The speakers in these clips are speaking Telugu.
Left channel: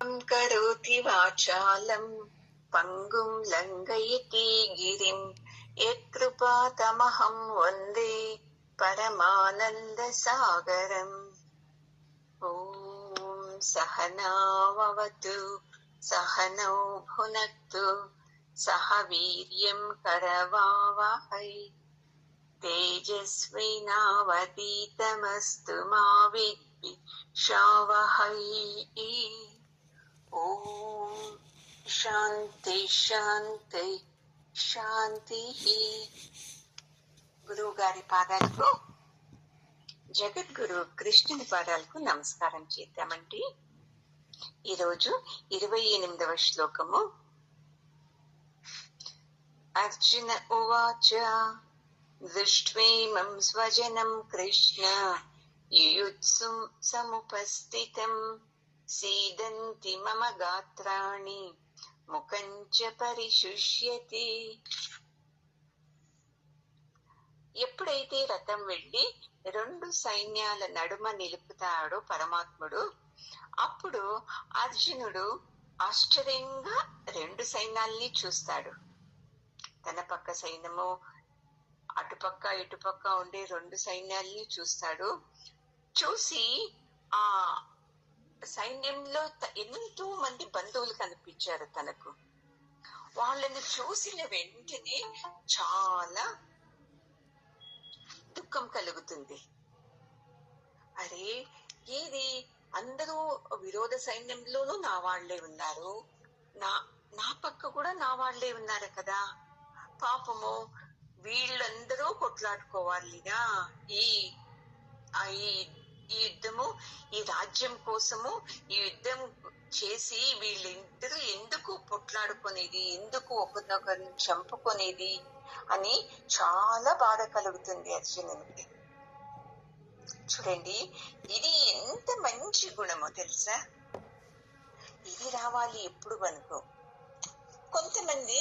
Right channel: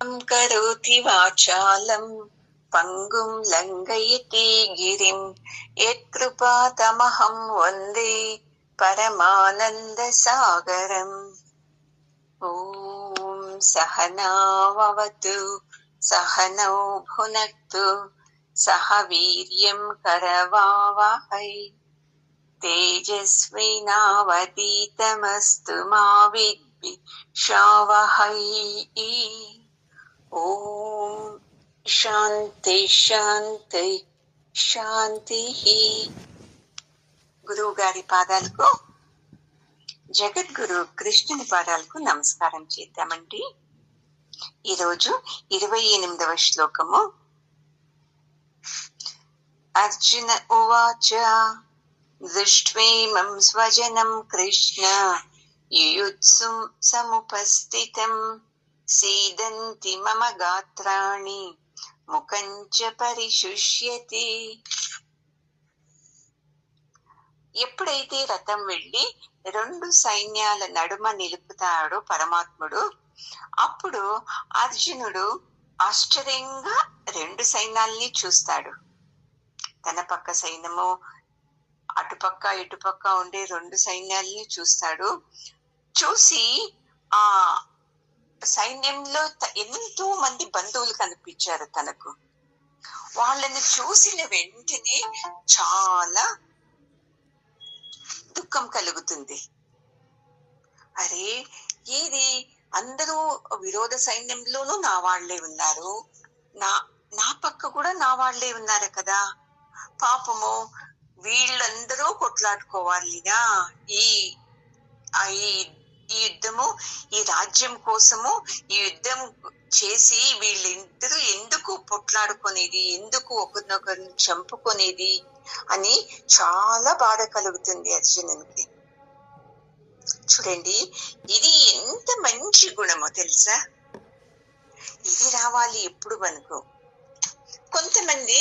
కరోతి వాచాలం పంగుం లంఘయతి గిరిం యత్కృపాతమహం వందే పరమానంద సాగరం. ఓం సహనావతు సహనౌ భునక్తు సహ వీర్యం కరవావహై తేజస్వినావతీతమస్తు మా విద్విషావహై. ఓం శాంతి శాంతి శాంతి. గురువు గారి పాదాలకు, జగద్గురు కృష్ణుని పాదాలకు నమస్కారం చేద్దామండి. ఈరోజు 28వ శ్లోకము. అర్జున ఉవాచ దృష్ట్వేమం స్వజనం కృష్ణ యుయుత్సుం సముపస్థితం సీదంతి మమ గాత్రాణి ముఖంచ పరిశుష్యతి. ఎప్పుడైతే రథం వెళ్లి 2 సైన్యాల నడుమ నిలుపుతాడో పరమాత్ముడు, అప్పుడు అర్జునుడు ఆశ్చర్యంగా 2 సైన్యాల్ని చూస్తాడు. తన పక్క సైన్యము, అటుపక్క ఇటుపక్క ఉండే 2 సైన్యాల్ని చూస్తాడు. చూసి ఆ సైన్యంలో ఎంతో మంది బంధువులు కనిపించారు తనకు. వాళ్ళని చూసిన వెంటనే చాలా దుఃఖం కలుగుతుంది. అరే, ఇది అందరూ విరోధ సైన్యంలోనూ నా వాళ్లే ఉన్నారు, నా పక్క కూడా నా వాళ్లే ఉన్నారు కదా, పాపము వీళ్ళందరూ కొట్లాడుకోవాలినా ఈ యుద్ధము, ఈ రాజ్యం కోసము ఈ యుద్ధం చేసి వీళ్ళిద్దరూ ఎందుకు పొట్లాడుకునేది, ఎందుకు ఒకరినొకరిని చంపుకునేది అని చాలా బాధ కలుగుతుంది అర్జునునికి. చూడండి, ఇది ఎంత మంచి గుణమో తెలుసా. ఇది రావాలి ఎప్పుడు మనకు. కొంతమంది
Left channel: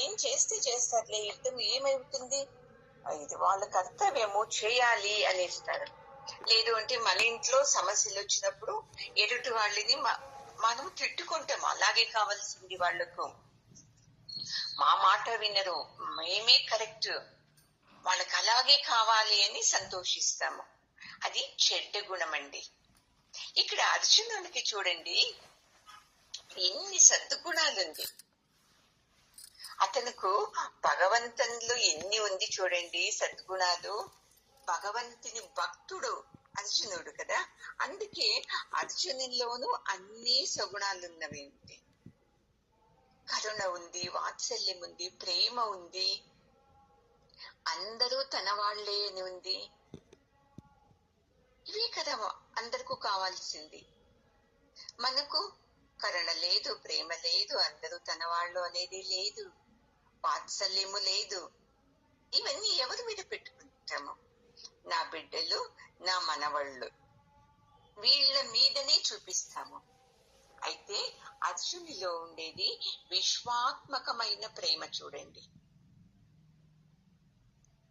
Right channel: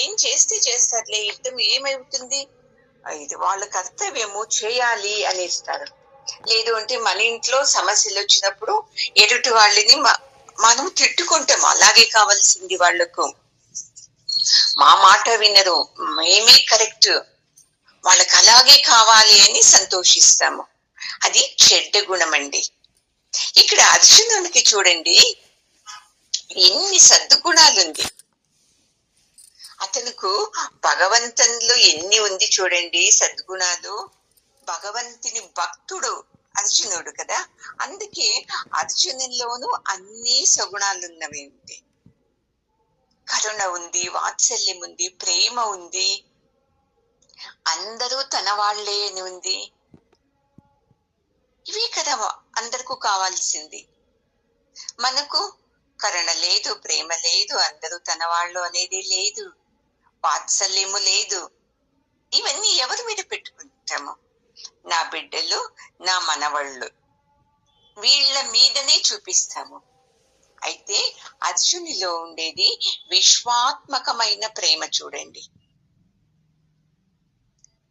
ఏం చేస్తే చేస్తారులే, యుద్ధం ఏమవుతుంది, ఇది వాళ్ళ కర్తవ్యము చేయాలి అనేస్తారు. లేదు అంటే మన ఇంట్లో సమస్యలు వచ్చినప్పుడు ఎదుటి వాళ్ళని మనం తిట్టుకుంటాం, అలాగే కావాల్సింది వాళ్లకు, మా మాట వినరు, మేమే కరెక్ట్, వాళ్ళకి అలాగే కావాలి అని సంతోషిస్తాము. అది చెడ్డ గుణం అండి. ఇక్కడ అర్జునునికి చూడండి ఎన్ని సద్గుణాలుంది. అతనుకు భగవంతునిలో ఎన్ని ఉంది చూడండి సద్గుణాలు. భగవంతుని భక్తుడు అర్జునుడు కదా, అందుకే అర్జునులోనూ అన్ని సగుణాలున్నవి ఉంది. కరుణ ఉంది, వాత్సల్యం ఉంది, ప్రేమ ఉంది, అందరూ తన వాళ్లే అని ఉంది. ఇవి కదా అందరికీ కావాల్సింది. మనకు కరుణ లేదు, ప్రేమ లేదు, అందరూ తన వాళ్ళు అనేది లేదు, వాత్సల్యము లేదు. ఇవన్నీ ఎవరి మీద పెట్టుకుంటాము? నా బిడ్డలు, నా మనవళ్ళు, వీళ్ళ మీదనే చూపిస్తాము. అయితే అర్జునిలో ఉండేది విశ్వాత్మకమైన ప్రేమ. చూడండి,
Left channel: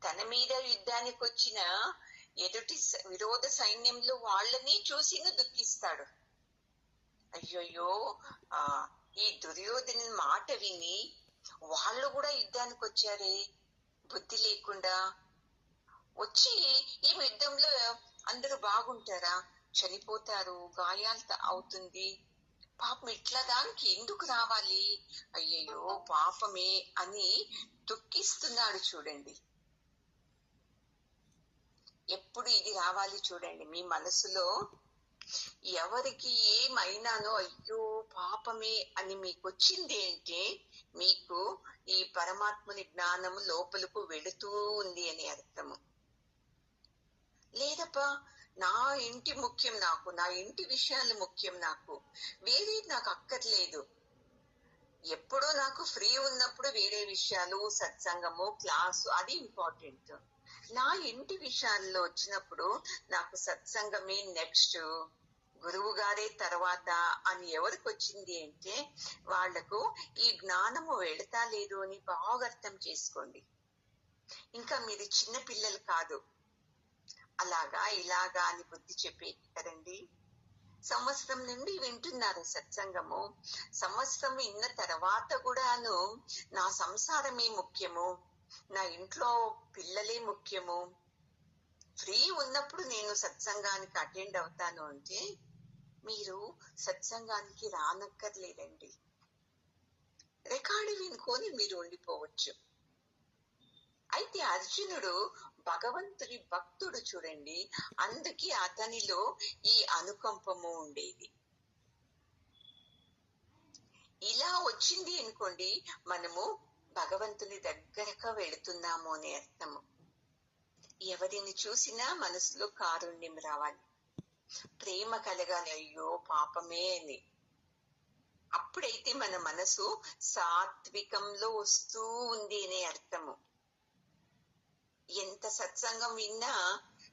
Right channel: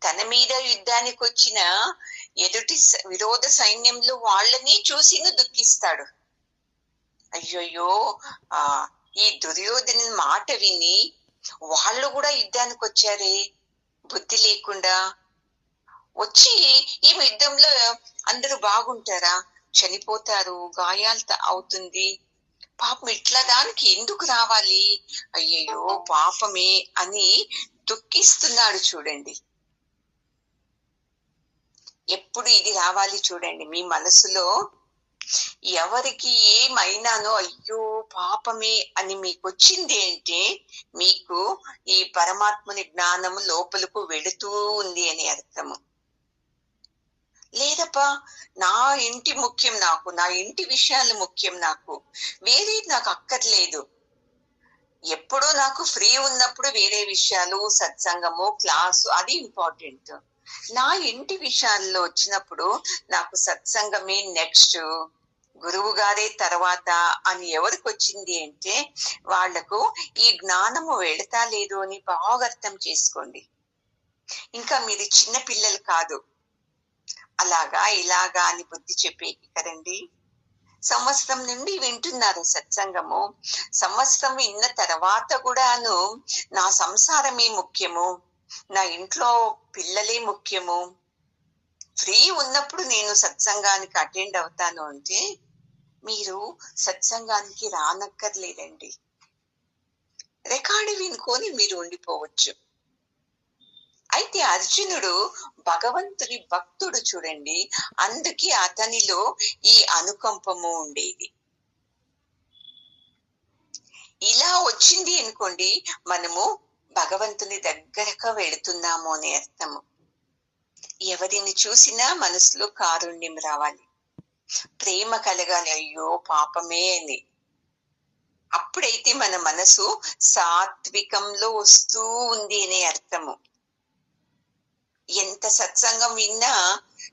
తన మీద యుద్ధానికి వచ్చిన ఎదుటి విరోధ సైన్యంలో వాళ్ళని చూసి దుఃఖిస్తాడు. అయ్యోయ్యో, ఈ దుర్యోధను మాట విని వాళ్ళు కూడా యుద్ధానికి వచ్చారే, బుద్ధి లేకుండా వచ్చి ఈ యుద్ధంలో అందరూ బాగుంటారా, చనిపోతారు, గాయాలు అవుతుంది, పాపం ఇట్లా దానికి ఎందుకు రావాలి, అయ్యయ్యో పాపమే అని దుఃఖిస్తున్నాడు. చూడండి, ఎప్పుడు ఇది రావాలి చూడండి మీ మనసులో. ఎవరికి ఏమైనానో అయ్యో పాపమే అని మీకు వచ్చింది అంటే మీకు ఈ పరమాత్మని జ్ఞానము లోపలకు వెళుతూ ఉంది అని అర్థము. లేదప్పా, నా ఇంటి ముఖ్యం, నాకు నా ఇంటి విషయాలు ముఖ్యం, నాకు వేరే నాకు అక్కర్లేదు. ఎప్పుడూ నాకు ఫ్రీ ఉన్నప్పుడు వేరే విషయాలు, సత్సంగము, క్లాసు అది ఇంపార్టెంట్. నా ఇంటి విషయాల్లో వచ్చినప్పుడు నాకు సత్సంగమే నెక్స్ట్, గురువు గారే తర్వాత అని ఎవరికి వచ్చింది అంటే వాళ్లకు ఈ జ్ఞానము వెళతా లేదు అని బాగా అర్థం చేసుకోండి. ఇంకా మీరు చిన్న పిల్లలు కాదు, అలాగా ఇలాగా అని బుద్ధి చెప్పేకి కదండి. సంవత్సరం నుండి వింటున్నారు సత్సంగము. సంవత్సరం విన్న తర్వాత కూడాను నా సంసారమే ముఖ్యము, నా ఇంట్లో పిల్లలే ముఖ్యము, ఫ్రీ ఉన్నప్పుడు నేను సత్సంగానికి అటెండ్ అవుతాను అంటే మీరు సత్సంగానికి రానక్కర్లేదండి. రికార్డు వినుకొని మీరు ఉండిపోవచ్చు. అయితే అర్జునుడు భగవంతుని భక్తుడు చూడండి, అందుకే అతనిలో ఈ అనుకంపము ఉండేది. ఇలా వచ్చింది అనుకోండి, మనము భగవంతుని దగ్గరగా వెళుతున్నాము అనే అర్థము. ఎవరిని చూసినా మనసులో కారుణ్యం రావాలి, ప్రేమ కలగాలి, అయ్యో పాపమే అని. అప్పుడైతే మన మనసు సాత్వికంలో వస్తూ ఉంది అనే అర్థము. ఎంత సత్సంగం విన్నా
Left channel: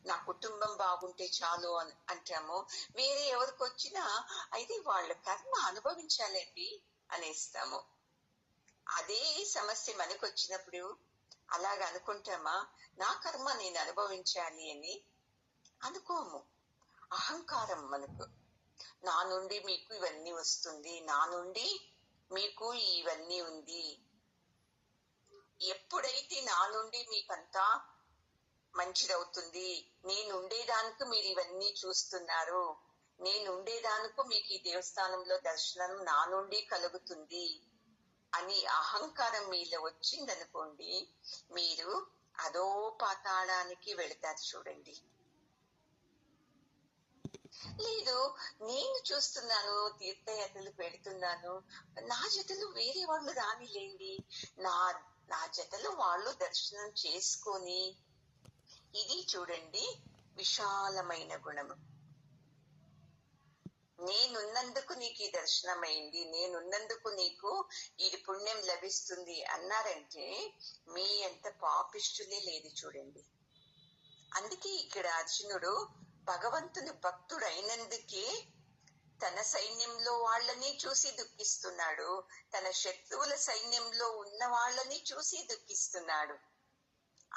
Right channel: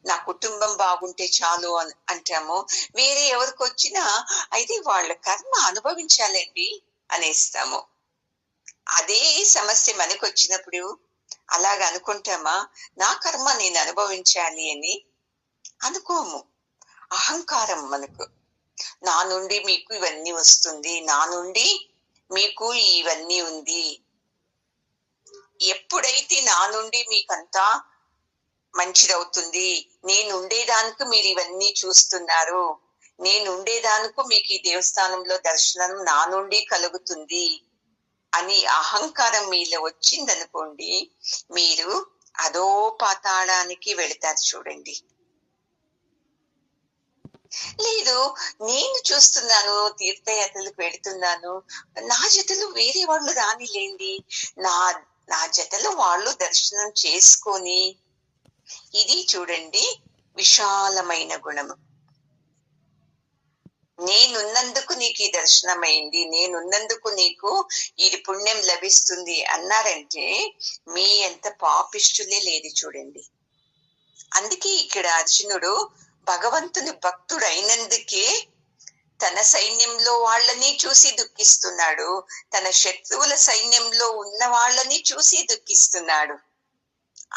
నా కుటుంబం బాగుంటే చాలు అంటాము. వేరే ఎవరికి వచ్చినా అయితే వాళ్ళ కర్మ అనుభవించాలండి అనేస్తాము. అదే సమస్య మనకు వచ్చినప్పుడు అలాగ అనుకుంటామా? నా కర్మ నేను అనుభవించాలి అని అనుకోము. అహంకారం మనకు. నా నుండి మీకు ఇవన్నీ వస్తుంది, నా నుండి మీకు ఇవన్నీ ఉంది. ఎప్పుడైతే నా నుండి మీకంతా మంచిదవుతుంది, నేను ఉండేదానికి మీరు ఇవన్నీ చూస్తున్నారు, నేను ఉండేదానికి మీకు ఈ దేవస్థానంలో దర్శనం నా నుండి కలుగుతుంది అని అహంకారం మీలో వచ్చిందనుకోండి, మీరు అదో పాతాళానికి వెళతారు చూడండి. లేదు, నేను చూస్తున్నాను, తీర్థయాత్రలకు వెళుతున్నాను, నా జతలు వేరే వాళ్ళు రానిలేండి, నా నా జతలు వాళ్ళు దర్శనం చేసుకొని, ఇది చూడండి విశాలమైన గుణము. నేనున్నందుకు నీకు ఈ దర్శనమైంది, నేనున్నందుకు నీకు ఇది పుణ్యం లభిస్తుంది అన్నారంటే మీ ఎంత పాపిష్టులే లేదు చూడండి. అందుకే ఇక్కడ అర్జునుడు భగవంతుని భక్తుడు అయినందుకే తన సైన్యంలో వాళ్ళని చూసి దుఃఖిస్తున్నాడు, తన శత్రువుల సైన్యంలో ఉన్న వాళ్ళని చూసి దుఃఖిస్తున్నాడు.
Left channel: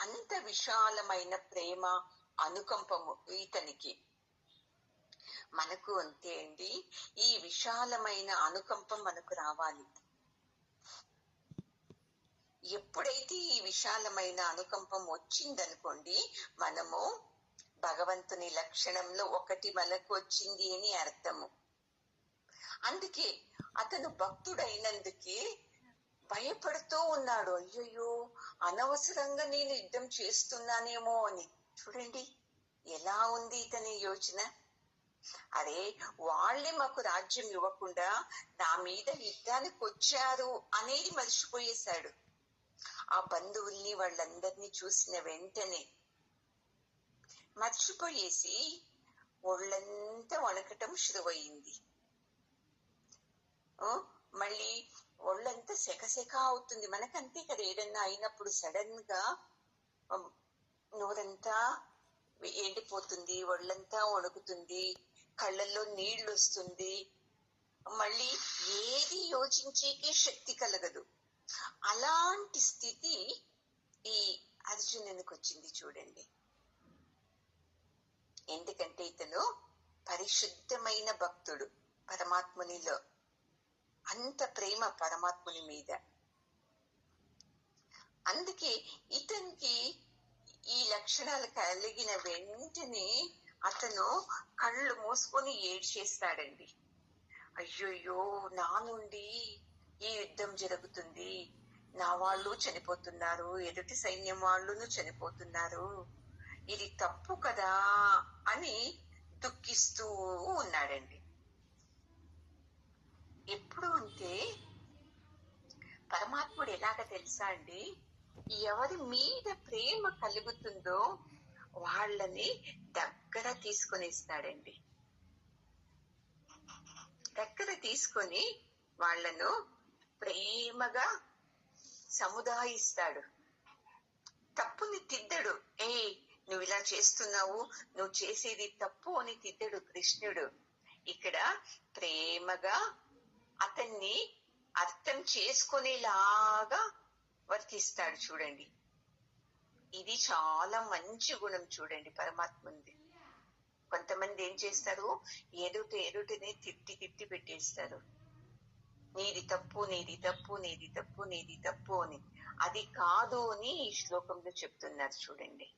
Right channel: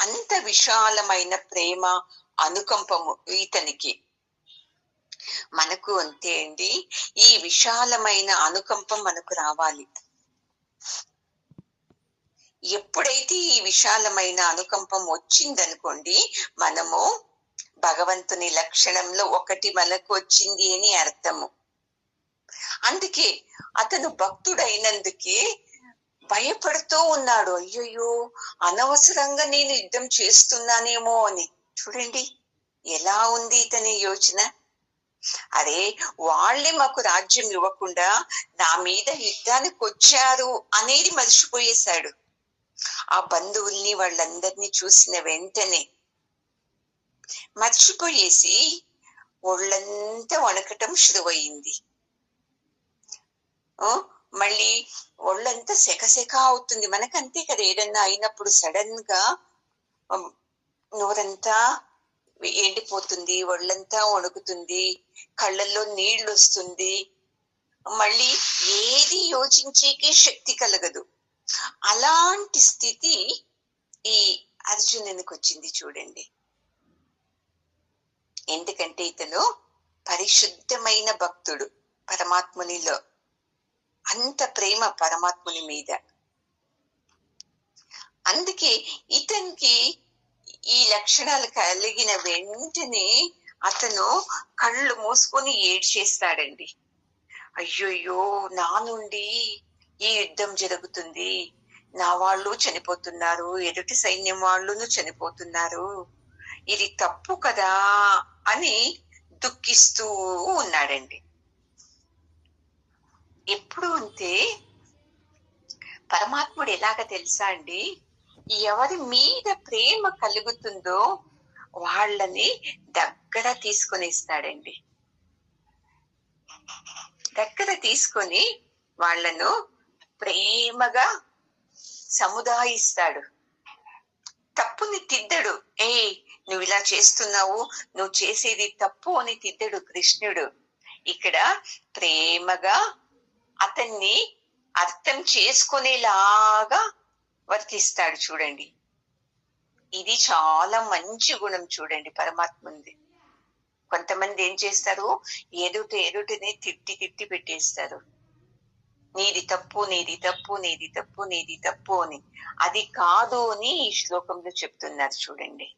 అంత విశాలమైన ప్రేమ, అనుకంపము ఇతనికి. మనకు అంతే అండి, ఈ విశాలమైన అనుకంపం మనకు రావాలి. ఎప్పుడైతే ఈ విశాలమైన అనుకంపం వచ్చిందనుకోండి, మనము భగవంతుని లక్షణంలో ఒకటి మనకు వచ్చింది అని అర్థము. అందుకే అతను భక్తుడైనందుకే భయపడుతూ ఉన్నాడు, అయ్యయ్యో అనవసరంగా నేను యుద్ధం చేస్తున్నానేమో అని. చూడండి ఎలా ఉంది ఇతని యోచన. అరే, వాళ్ళే మాకు రాజ్యం ఇవ్వకుండా నా మీద యుద్ధానికి వచ్చారు అనేది మర్చిపోయేశాడు. ఆ బంధువుల్ని వాళ్ళందరినీ చూసిన వెంటనే మర్చిపోయేసి ఒళ్ళంతా వణకటం శురువయింది. మళ్ళీ ఒళ్ళంతా సెకసెక అవుతుంది. మనకంతే కదా, ఏదన్నా అయినప్పుడు సడన్ గా నోరంతా ఎండిపోతుంది, ఒళ్ళంతా వణుకుతుంది, కళ్ళల్లో నీళ్లు వస్తుంది, మళ్ళీ ఏది యోచించేకి శక్తి కలగదు. అలాంటి స్థితి ఈ అర్జునునికి వచ్చింది చూడండి. ఎందుకంటే ఇతను పరిశుద్ధమైన భక్తుడు, పరమాత్మునిలో అంత ప్రేమ పరమాత్ముని మీద. అందుకే ఇతనికి ఈ లక్షణాలు కలిగిన వెంటనే అతను కళ్ళు మూసుకొని ఏడ్చేస్తాడండి. అయ్యయ్యో, నా నుండి ఈ యుద్ధం జరుగుతుంది, నా వాళ్ళు చనిపోతున్నారు, ఎదుటి సైన్యం వాళ్ళును చనిపోతున్నారు, ఇది తప్పు కదా అని దుఃఖిస్తూ ఉన్నాడండి. ఎప్పుడు అంతే, పరమాత్ముడు ఎలాగ తెలుసా అండి, ఎవరి మీద ప్రేమ కలుగుతుందో వాళ్ళని దగ్గర తీసుకొనిస్తాడండి. దగ్గర తీసుకొని వాళ్ళను ప్రేమగా సముదాయిస్తాడు. తప్పుని తిద్దడు. నువ్వు ఇలా చేస్తున్నావు, నువ్వు చేసేది తప్పు అని తిద్దడు కృష్ణుడు. ఇక్కడ ప్రేమగా అతన్ని అర్థం చేసుకునేలాగా వర్తిస్తాడు చూడండి. ఇది చాలా మంచి గుణం చూడండి పరమాత్ముంది. కొంతమంది ఏం చేస్తారు, ఎదుటిని తిట్టి తిట్టి పెట్టేస్తారు. నీది తప్పు, నీది తప్పు, నీది తప్పు, నీది తప్పు అని. అది కాదు అని ఈ శ్లోకంలో చెప్తున్నారు చూడండి.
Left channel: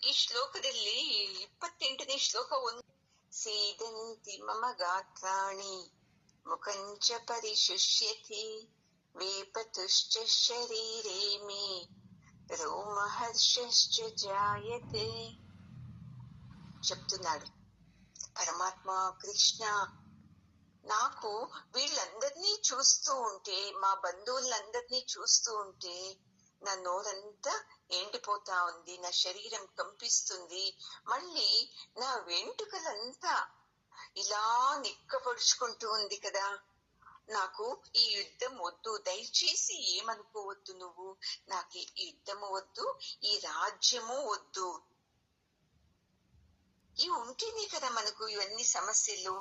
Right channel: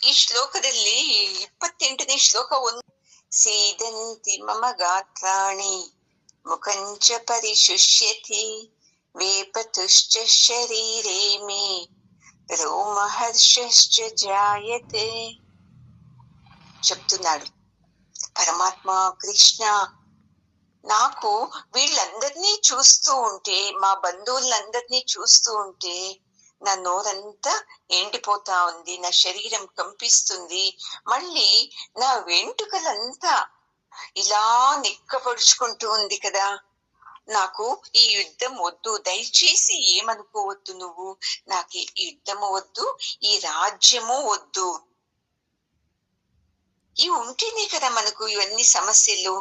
ಈ ಶ್ಲೋಕದಲ್ಲಿ 28ನೇ ಶ್ಲೋಕ ಸೀದಂತಿ ಮಮ ಗಾತ್ರಾಣಿ ಮುಖಂಚ ಪರಿಶುಷ್ಯತಿ వేపతుశ్చ శరీరే మే రోమహర్షశ్చ జాయతే చెప్తున్నాడు పరమాత్మ కృష్ణ. నాకు వీళ్ళందరినీ చూస్తూ ఉంటే, మా బంధువులందరినీ చూస్తూ ఉంటే నా నోరంతా ఎండిపోతా ఉంది, నా శరీరం కంపిస్తుంది, మళ్ళీ నా వెంట్రుకలంతా ఇలా నిక్కపరుచుకుంటూ ఉంది కదా. నాకు ఈ యుద్ధం వద్దు, దయచేసి ఏమనుకోవద్దు నువ్వు, నాకు ఈ యుద్ధము వద్దు, ఈ రాజ్యము వద్దు. ఇవి ఉంటేనే కదా మనకు ఇవన్నీ సమస్యలు.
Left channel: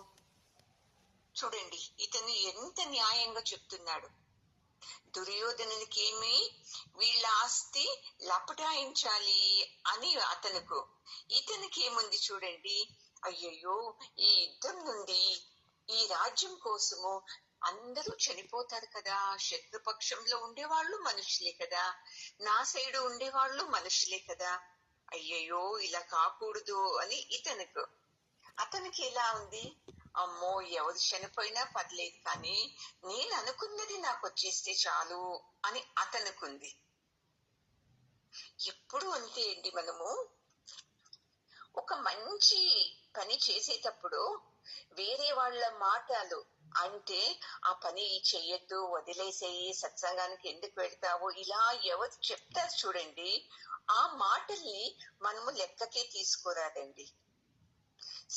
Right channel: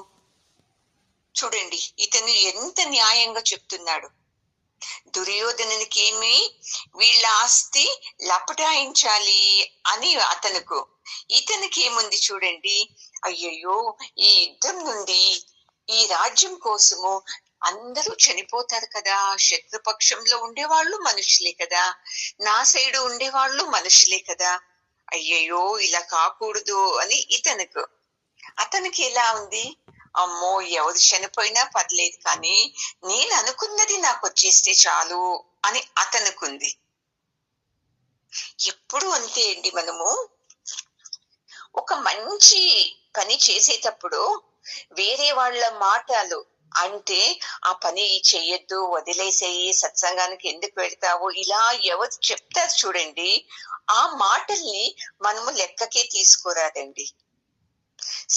చూడండి ఇతను ఎంత న్యాయంగా చెప్తున్నాడు. దుర్యోధనునికి ఏమి వీళ్ళ ఆస్తి లపటాయించాలి అని అతనుకు, ఇతనికి ఏముంది చూడండి, అయ్యయ్యో ఈ యుద్ధం నుండి, ఈ రాజ్యం కోసము అందరూ చనిపోతారు కదా, శత్రుపక్షంలో ఉండేవాళ్ళు మనుషులే కదా, నా సైడు ఉండేవాళ్ళు మనుషులే కదా, అయ్యయ్యో ఇలా కాకూడదు అని ఇతనుకు. అతనికి ఎలా ఉంది, అమ్మో ఎవరు చనిపోయినా పర్లేదు కానీ నేను అనుకున్నది నాకు వచ్చేస్తే చాలు అని అతనుకుంది. ఎప్పుడు అంతే అండి, మనము ఒక మంచి పని చేసేటప్పుడు వేరే వాళ్ళ మాటలు అంటే ఆ పని చెయ్యొద్దు, వదిలేసేయి, సత్సంగానికి ఎందుకు వెళ్తావు, ఇలా ఎవరు చెప్తారు చూడండి, ఆ మాటల్ని మనము లెక్కకే తీసుకోరాదండి.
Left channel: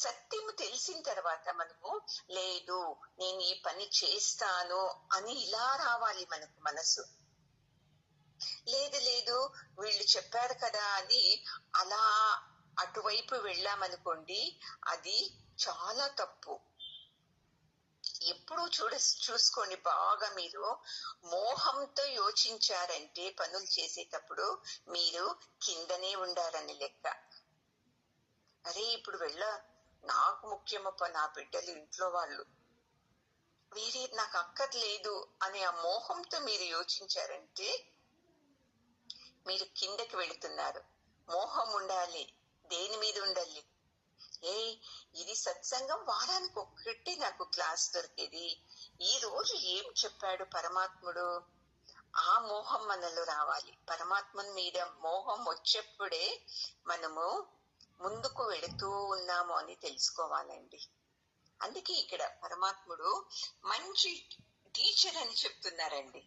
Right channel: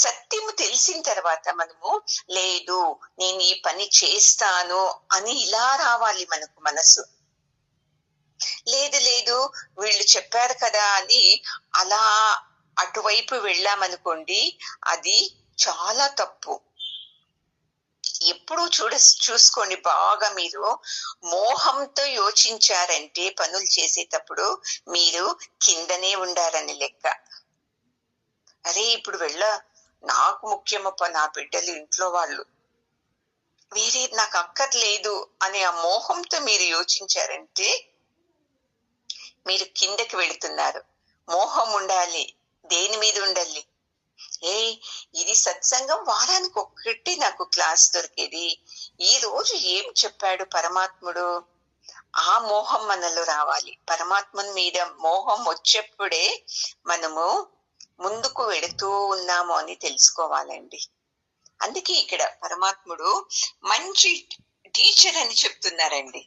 సత్యము తెలిసిన తర్వాత మనము లేదు నేను ఈ పని చేస్తాను అని ఇలా రావాలి మనకు మనసు. లేదు లేదు వీళ్ళు చెప్పారు కదా అని అలా అటువైపు వెళ్ళామనుకోండి, అది చాలా తప్పు. ఎప్పుడు చూసుకోండి బాగా, మీరు మోహంతో యోచించారంటే పనులు చేసేటప్పుడు మీరు కిందనే ఉండారని లెక్క. అరే ఇప్పుడు నాకు ముఖ్యమప్ప నా బిడ్డలు, ఇంట్లో వాళ్ళు, వేరే నాకు అక్కర్లేదు అనే ఆ మోహంతో మీరు యోచించారంటే మీరు కిందకి వెళుతున్నారు. మోహం ఉండాలి, దేని మీద ఉండాలి, ఇది సత్సంగం వారానికి ఒక్కటి నాకు క్లాస్ దొరికేది, ఈ రోజు ఏం చెప్పాడు పరమాత్ముడు, ఆ మోహం మనలో రావాలి. పరమాత్మ మీద మోహం వచ్చేప్పుడే మనము ముందుకు వెళుతూ ఉన్నాము అని తెలుసుకోవాలండి. అందుకే ఇక్కడ పరమాత్ముడు మంచి టీచర్ అని చెప్తున్నారండి.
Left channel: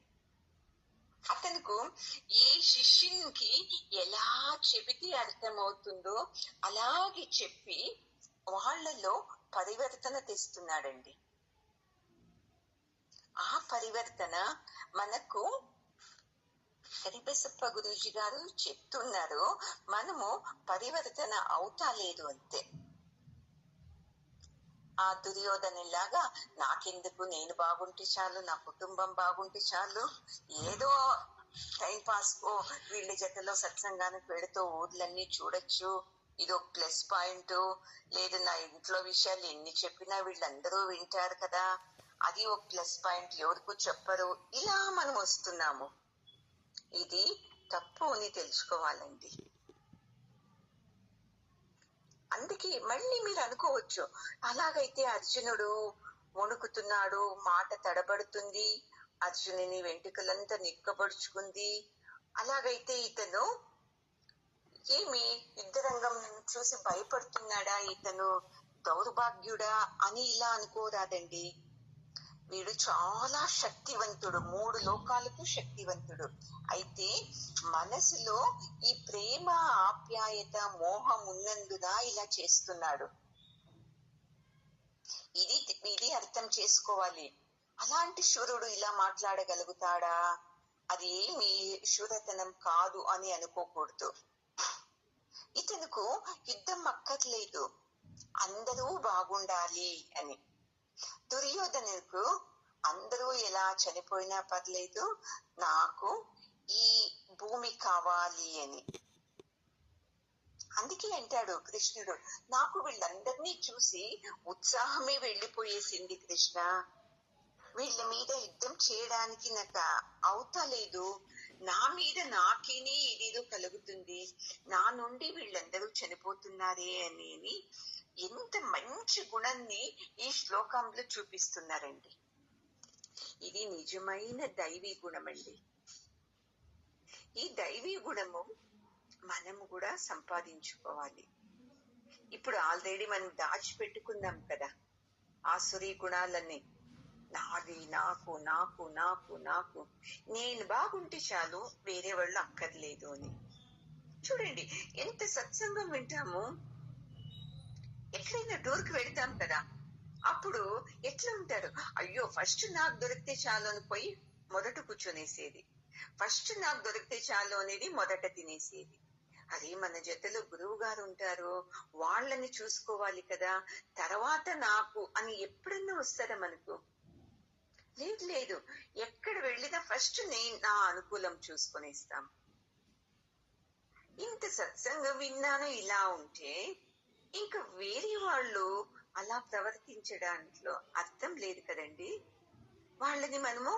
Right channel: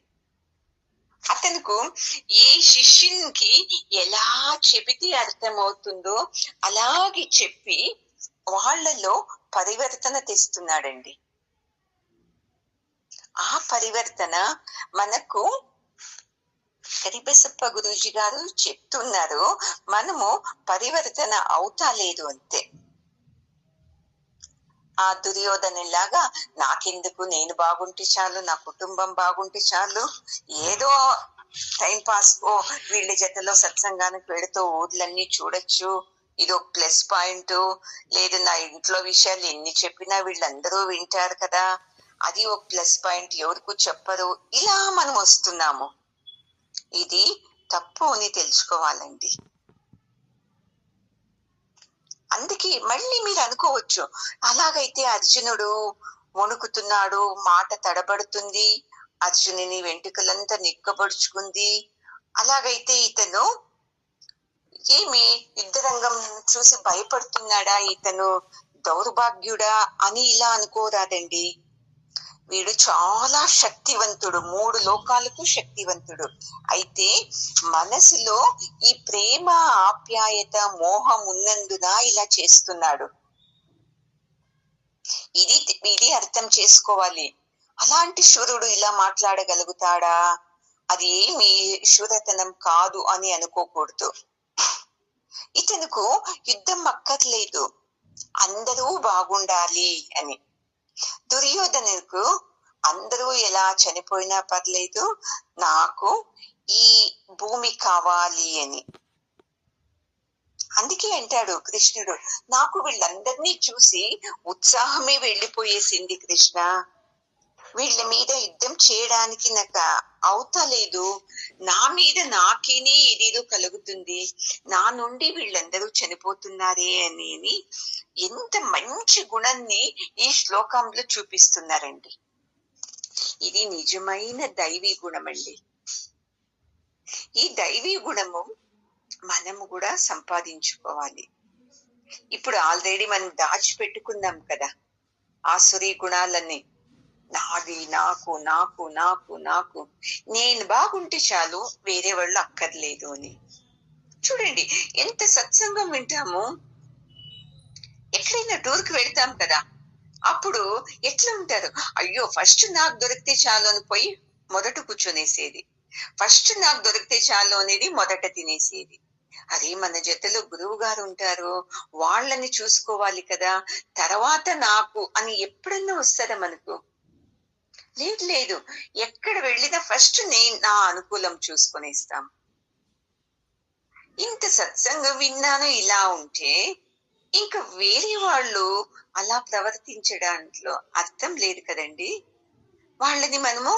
అతనుకు ఏ శిష్యునికి ఎలా చెబితే అర్థమవుతుందో అలాగే చెప్పి వాళ్ళలో పరివర్తన తెస్తున్నాడండి. ఆ పరివర్తన మనకు కరిబసప్ప గురూజీ గారు చెప్తున్నారు, మనము పరివర్తన అవుతా లేదు అంతే. ఆ దుర్యోధనలాగా నాకెందుకు, నేను బాగుంటే చాలు, నా కుటుంబం బాగుంటే చాలు, ఏదో టైం పాస్ వీళ్ళ జతలో సత్సంగానికి వెళుతూ ఊర్లన్నీ చూడొచ్చు, ఇదో ప్లస్ పాయింట్, లేదు నా ఇంట్లో విషయాలు ఎన్ని చెప్పినా వీళ్ళందరూ వింటారు కదా, అది ఒక ప్లస్ పాయింట్, ఎవరికి చెప్పరు, ఇలా మనం వస్తున్నాము. ఇది తప్పు అని తెలుసుకోవాలండి. అందుకే మళ్ళీ మీరు అనుకోవచ్చు, అలాగైతే అర్జునుడు వణుకుతున్నాడు, మాట తడబడుతుంది, అర్జునుని వెంట్రుకలంతా నిక్కబడుచుకుంది, అలాగైతే ఇతను ఏమి యుద్ధరంగం చూసి భయపడుతున్నాడా, ఇతను దౌర్భాగ్యుడా అని ఇలా అనుకోరాదండి. వీడు చాలా శక్తివంతుడు, 3 లోకాలకు శక్తివంతుడు. అయితే మనసులో ఈ ప్రేమ, ఆప్యాయత, మోహం ఉన్నందున ఇలా చేస్తున్నాడు. ఇది అర్థం చేసుకోవాలి. అలాంటి శూరుడు ఇలా మాట్లాడగలుగుతాడా, అది ఏమి శూరతనం కాదు అని అనుకోకూడదు. ఇతనుకు యుద్ధం అక్కర్లేదు, అందరూ బాగుండాలి అని. దుర్యోధనుకు అందరూ ఎలా చనిపోయినా పర్లేదు, నాకు ఈ భూమి కావాలి అని. అందుకే అంటాడు కృష్ణుడు, నాకు వీళ్ళందరినీ చూసి ఉత్సాహమే వెళ్ళిపోయేసింది కృష్ణ. వీళ్ళ మీద యుద్ధం చేయడానికి నాకు అవుతలేదు, నా మీద నాకేనే ఇదేదో కలుగుతుంది, నా నుండి వీళ్ళందరూ చనిపోతున్నారే అని ఎంత మంచి గుణాన్ని ఈ శ్లోకంలో చూపిస్తున్నారండి. ఇది నిజమైన దైవీ గుణం అండి. ఈ దైవీ గుణము మనము కూడా సంపాదించుకోవాలి. ఇప్పుడు ఆల్రెడీ మనం దాచిపెట్టుకున్నాం కదా ఆసురీ గుణాలన్నీ. నాది, నాకు నాకు నాకు నాకు, నేను బాగుంటే చాలు, వేరే వాళ్ళు అక్కర్లేదు అని. చూడండి ఎంత సత్సంగం వింటాము. ఎక్కడైనా టూర్కి వెళ్తాం కదా, అప్పుడు ఎట్లా ఉంటారు, అయ్యో ఫస్ట్ నాకు దొరికితే చాలు అని పోయి మొదట కూర్చొనేసేది, ఫస్ట్ నాకు దొరికితే చాలు అనేది మొదట తినేసేది. అదే మన జతలో గురువు గారు ఉంటారు, వాళ్ళని చూసుకోవాలి కదా, తర్వాత నాకు అని ఎప్పుడన్నా వస్తుందా మనకు? లేదు లేదు, ఎక్కడ వెళ్ళినా ఫస్ట్ నేను నా అనుకూలం చూసుకొనేస్తాం. ఇంత సత్సంగం విన్నాను ఇలా ఉంటే ఇంకా వేరే వాళ్ళు అలా ప్రవర్తించడానిలో అర్థం లేదు కదండి. వాళ్ళని మనము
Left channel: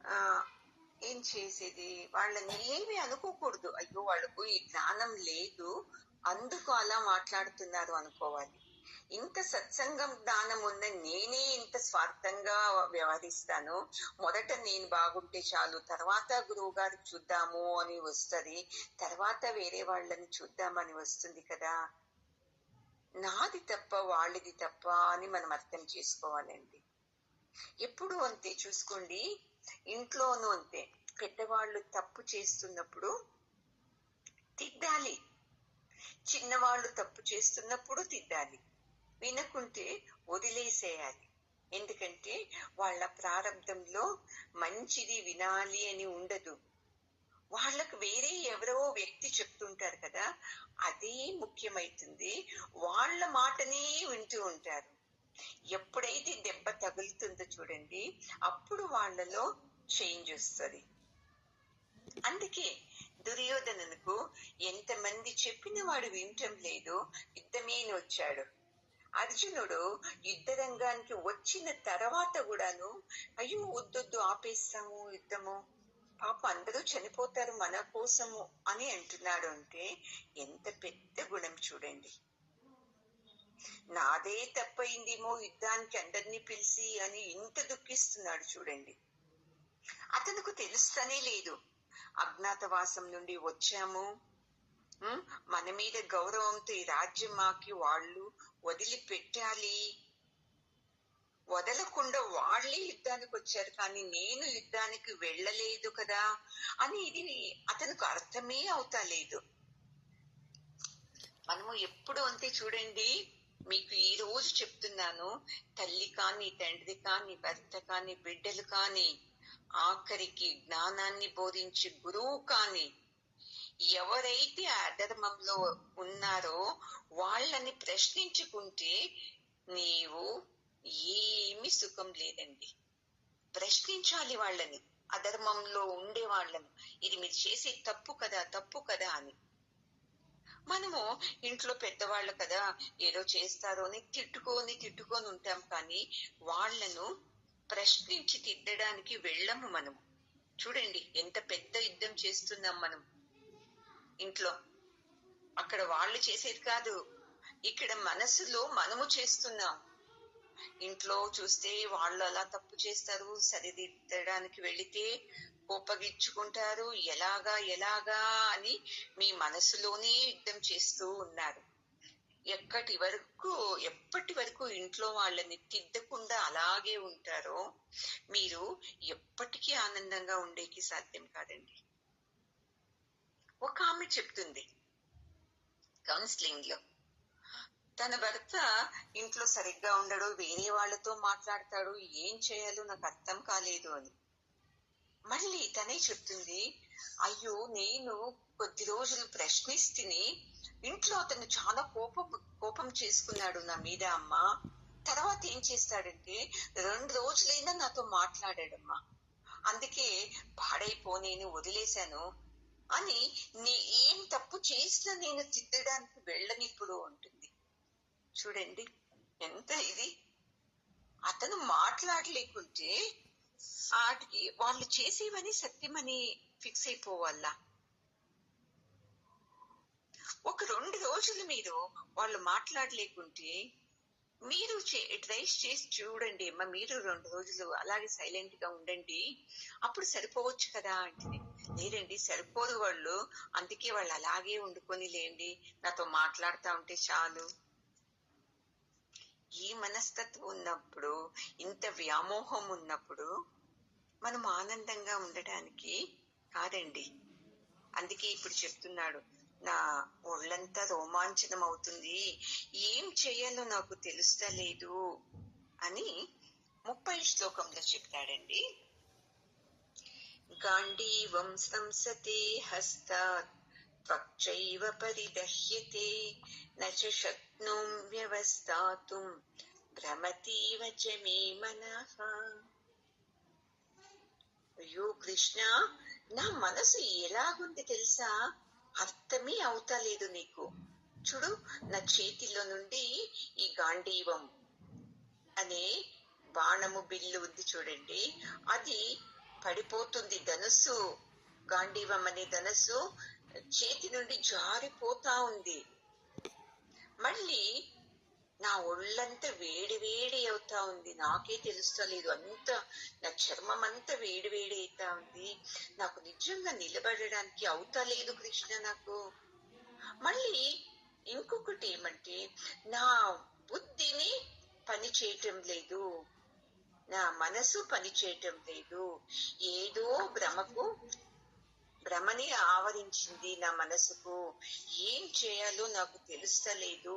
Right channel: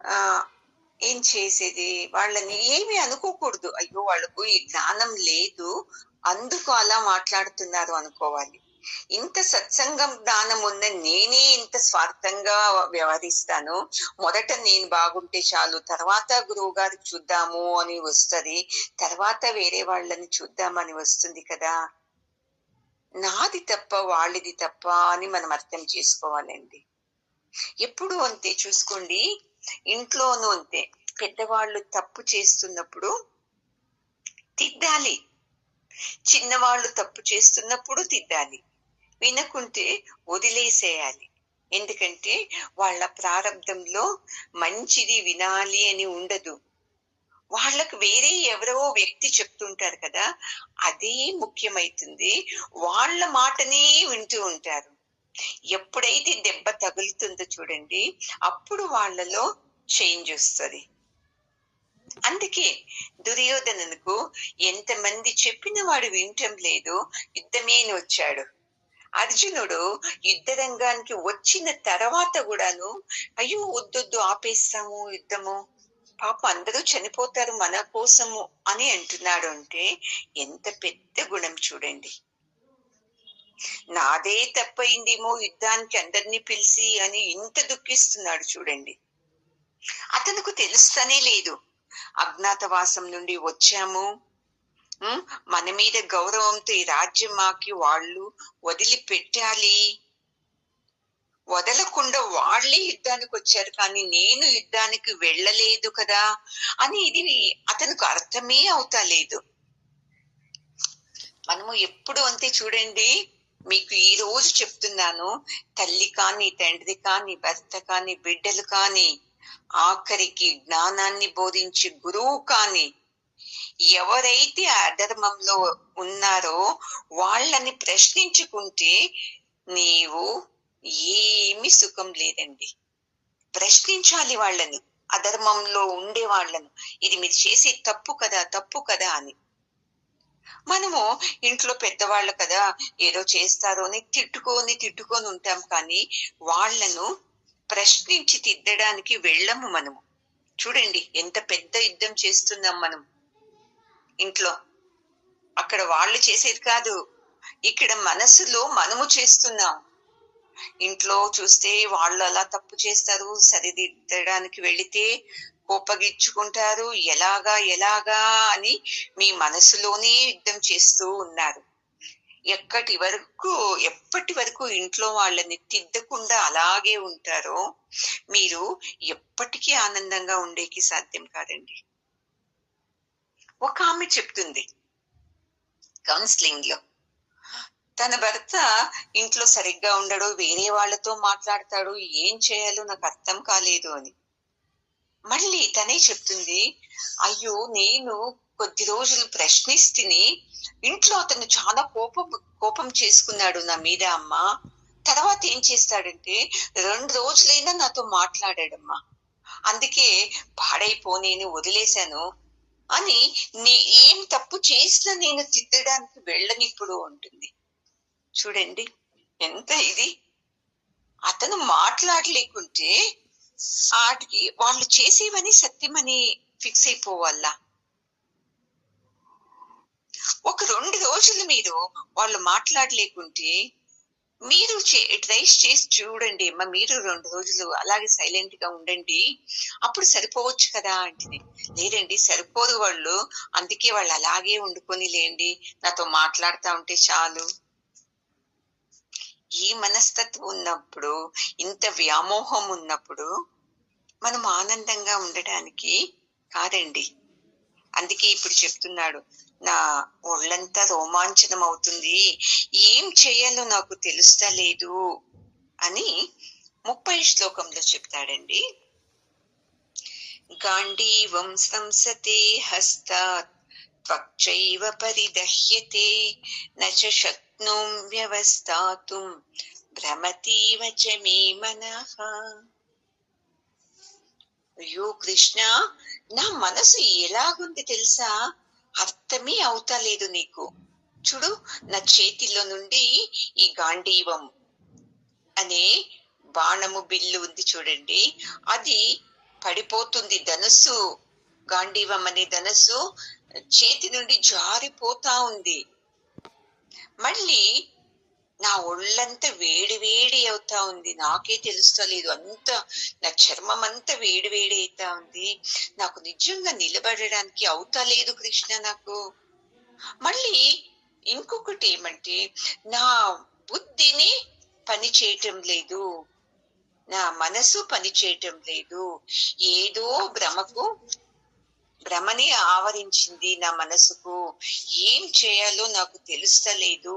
ఆ ఏం చేసేది, వాళ్ళని ఏమి అనుకోకూడదు, అయ్యో వాళ్ళకు ఈ జ్ఞానం లేదు అందుకు అలా మాట్లాడుతున్నారు అనుకోవాలి. ఇంత సత్సంగం జ్ఞానం ఉన్న నేనే ఇంత స్వార్థంగా వ్యవహరిస్తాను, మొదట నేను బాగుంటే చాలు, తర్వాత గురువు గారికి చూద్దాము అని వస్తుంది, తర్వాత వేరే వాళ్ళని చూద్దామని వస్తుంది కదా. నాది తప్ప వాళ్ళది తప్ప అని మనం అర్థం చేసుకోవాలండి. ఎప్పుడు అంతే చూసుకోండి, ఇంట్లోనూ అంతే, పెద్దవాళ్ళు తప్పు చేస్తున్నప్పుడు తిద్దాలి, చిన్నవాళ్ళు తప్పు చేస్తున్నప్పుడు తిద్దాలి, వినకుంటే వదిలేసేయాలి. ఎందుకంటే వాళ్ళ ప్రారంధంలో మంచిది వినాలి అని ఉండదు, వాళ్ళకు వేరే ఎవరో వ్యక్తి చెప్తుంటారు కదా, అదే ముఖ్యమైతుంది, వాళ్ళ మాటనే వింటూ ఉంటారు. ఎప్పుడైతే దెబ్బ తగులుతుందో చూడండి, అప్పుడు వాళ్ళలో చేంజ్ వస్తుంది. అందుకే దుర్యోధనకు ఎంతమంది చెప్పిన వాడు వినటం లేదు, యుద్ధమేని వచ్చాడు. అర్జునుడు యుద్ధ రంగానికి వచ్చిన తర్వాత కూడాను అయ్యో వద్దొద్దు ఆపేస్తాము యుద్ధము, పాప అందరూ చనిపోతారు మన కోసము అని అంటున్నాడు. అంటే ఎంత పెద్ద గుణం చూడండి. నాదే తప్పైందేమో యుద్ధానికి అందరినీ పిలిచి అని ఇంత దుఃఖిస్తున్నాడు చూడండి. అతనుకు తెలుస్తనే లేదు, అజ్ఞాతవాసం నుండి వచ్చాము, మన మీద గౌరవంతో ఈ రాజ్యం మాకి వాళ్ళు వదిలిపెట్టాలి, వదలకుండా వాళ్ళే యుద్ధానికి వచ్చారు కానీ నేను యుద్ధానికి వెళ్ళలేదు కదా అని ఇది అతనికి అర్థమే అవుతా లేదు. మనము ఎప్పుడు అంతే చూడండి, మీకు ఈ రోజు చెప్తున్నాను, తల్లి కాని తండ్రి కాని భర్త కాని బిడ్డలు కాని ఆఖరికి జ్ఞానాన్ని బోధించే గురువు కాని ఎవరైతే అధర్మంలో ఉన్నారో వాళ్ళని ప్రశ్నించుకుంటే నీవు ఏమి సుఖం లేదండి. ప్రశ్నించాలి వాళ్ళని, అధర్మంలో ఉండే వాళ్ళను, ఇది మీరు చేసే తప్పు కదా తప్పు కదా అని. మనము ఇంట్లో పెద్దవాళ్ళు కదా ఏదో చేస్తారో అని తిట్టుకొని ఉంటాం కానీ వాళ్ళను ప్రశ్నించి తిద్దడానికి వెళ్ళము మనము. చూడండి ఎంత పెద్ద యుద్ధం చేస్తున్నాం మనం ఇంట్లో, అక్కడ వాళ్ళు చేసేది కాదు, ఇక్కడ మనసులో మనము చేస్తున్నాం. ఇంట్లో చూస్తే వాళ్ళు అలా తప్పు చేస్తారు, సరిదిద్దడానికి వెళితే కోపగించుకుంటారు, ఎలాగా ఎలాగా అని మీ మనసులోనే యుద్ధం చేస్తూ ఉన్నారు. ఎప్పటి వరకు ఇంట్లో వాళ్ళని తిద్దకుండా అలాగే ఉంటారో మీరు ఎప్పటికీ ఆనందంగా ఉండేకి సాధ్యం కాదండి. ఒక ఆమె చెప్తుంది కౌన్సిలింగ్ లో, తన భర్త ఇంట్లో సరిగ్గా ఉండడు, వేరే వాళ్ళతో మాట్లాడతాడు, ఏం చేయాలో నాకు అర్థం కాలేదు అని. మళ్ళీ తనే చెప్తుంది, అయ్యో నేను కొద్ది రోజులు ప్రశ్నిస్తుని ఇంట్లో అతను చాలా కోపం చేసుకున్నాడు నా మీద అమ్మ, తర్వాత ఏం చేస్తాడంటే 2 రోజులైనా నాతో మాట్లాడాడమ్మా. అందుకే పాడైపోనీని వదిలేశాను అని, ఏం తప్పు చేసినా నేను తిట్టడానికి వెళ్ళనిప్పుడు ఉంటుంది. చూడండి ఎంత ఇది. అతను మాట్లాడలేకుంటే ఆటికి వాళ్ళు చేసేవని సత్యమని ఫిక్స్ అయిపోవాలా? ఒక 2 రోజులు మీరు వాళ్ళు మాట్లాడలేకుంటే మీరు ట్రైస్ చేసి చూడండి అమ్మా. మీరు 2 రోజులు అలాగే సైలెంట్ గా ఉండండి, అప్పుడు సరిపోవచ్చు కదా అంటుంది. లేదండి సరిపోదు వాళ్ళు, అందుకే వాళ్ళు అలాగే వండుకొని లేండి, నాతో మాట్లాడుతూ ఉంటే చాలు. ఈ మనస్తత్వం ఉన్నప్పుడు, ఇంత వ్యామోహం ఉన్నప్పుడు మనం ఆనందంగా ఉండడానికి కాదండి. అందుకే ఇప్పుడు చెప్తున్నాడు, నా ఒళ్ళంతా రోమాంచనం అవుతుంది, ఏం చేయాలో నాకు తెలుస్తలేదు అని 30 శ్లోకంలో చెప్తాడండి. గాంధీవం సంసతే హస్తాత్ త్వక్చైవ పరిదహ్యతే నచ శక్నోం వ్యవస్థాతుం భ్రమతీవ చ మే మనః. అయ్యో కృష్ణ, నా మనసు ఎలాగుంది తెలుసా, అర్థమే అవుతలేదు నీకు. చూడు, నా చేతిలో నుండి ఈ గాంధీవం అనే బాణము బిల్లు ఉంది చూడండి, అది పడిపోతుంది. ధనుస్సు, గాంధీవం అనే ధనుస్సు చేతి నుండి జారిపోతా ఉంది. మళ్ళీ నా ఒళ్ళంతా వేడి వేడి అవుతా ఉంది, నాకే తెలుస్తలేదు. అంత నా చర్మం అంతా వేడి వేడి అవుతా ఉంది, నాకు నిజంగా నిలబడడానికి అవుతా లేదు కృష్ణ నాకు. మళ్ళీ ఇంకొకటి ఏమంటే, నా బుద్ధిని పని చేయటం లేదు, నా మనసు పని చేయటం లేదు, ఏదో భ్రమని ఆవరించింది నా మనసుకు, ఏం చేయాలో నాకు తెలుస్తలేదు,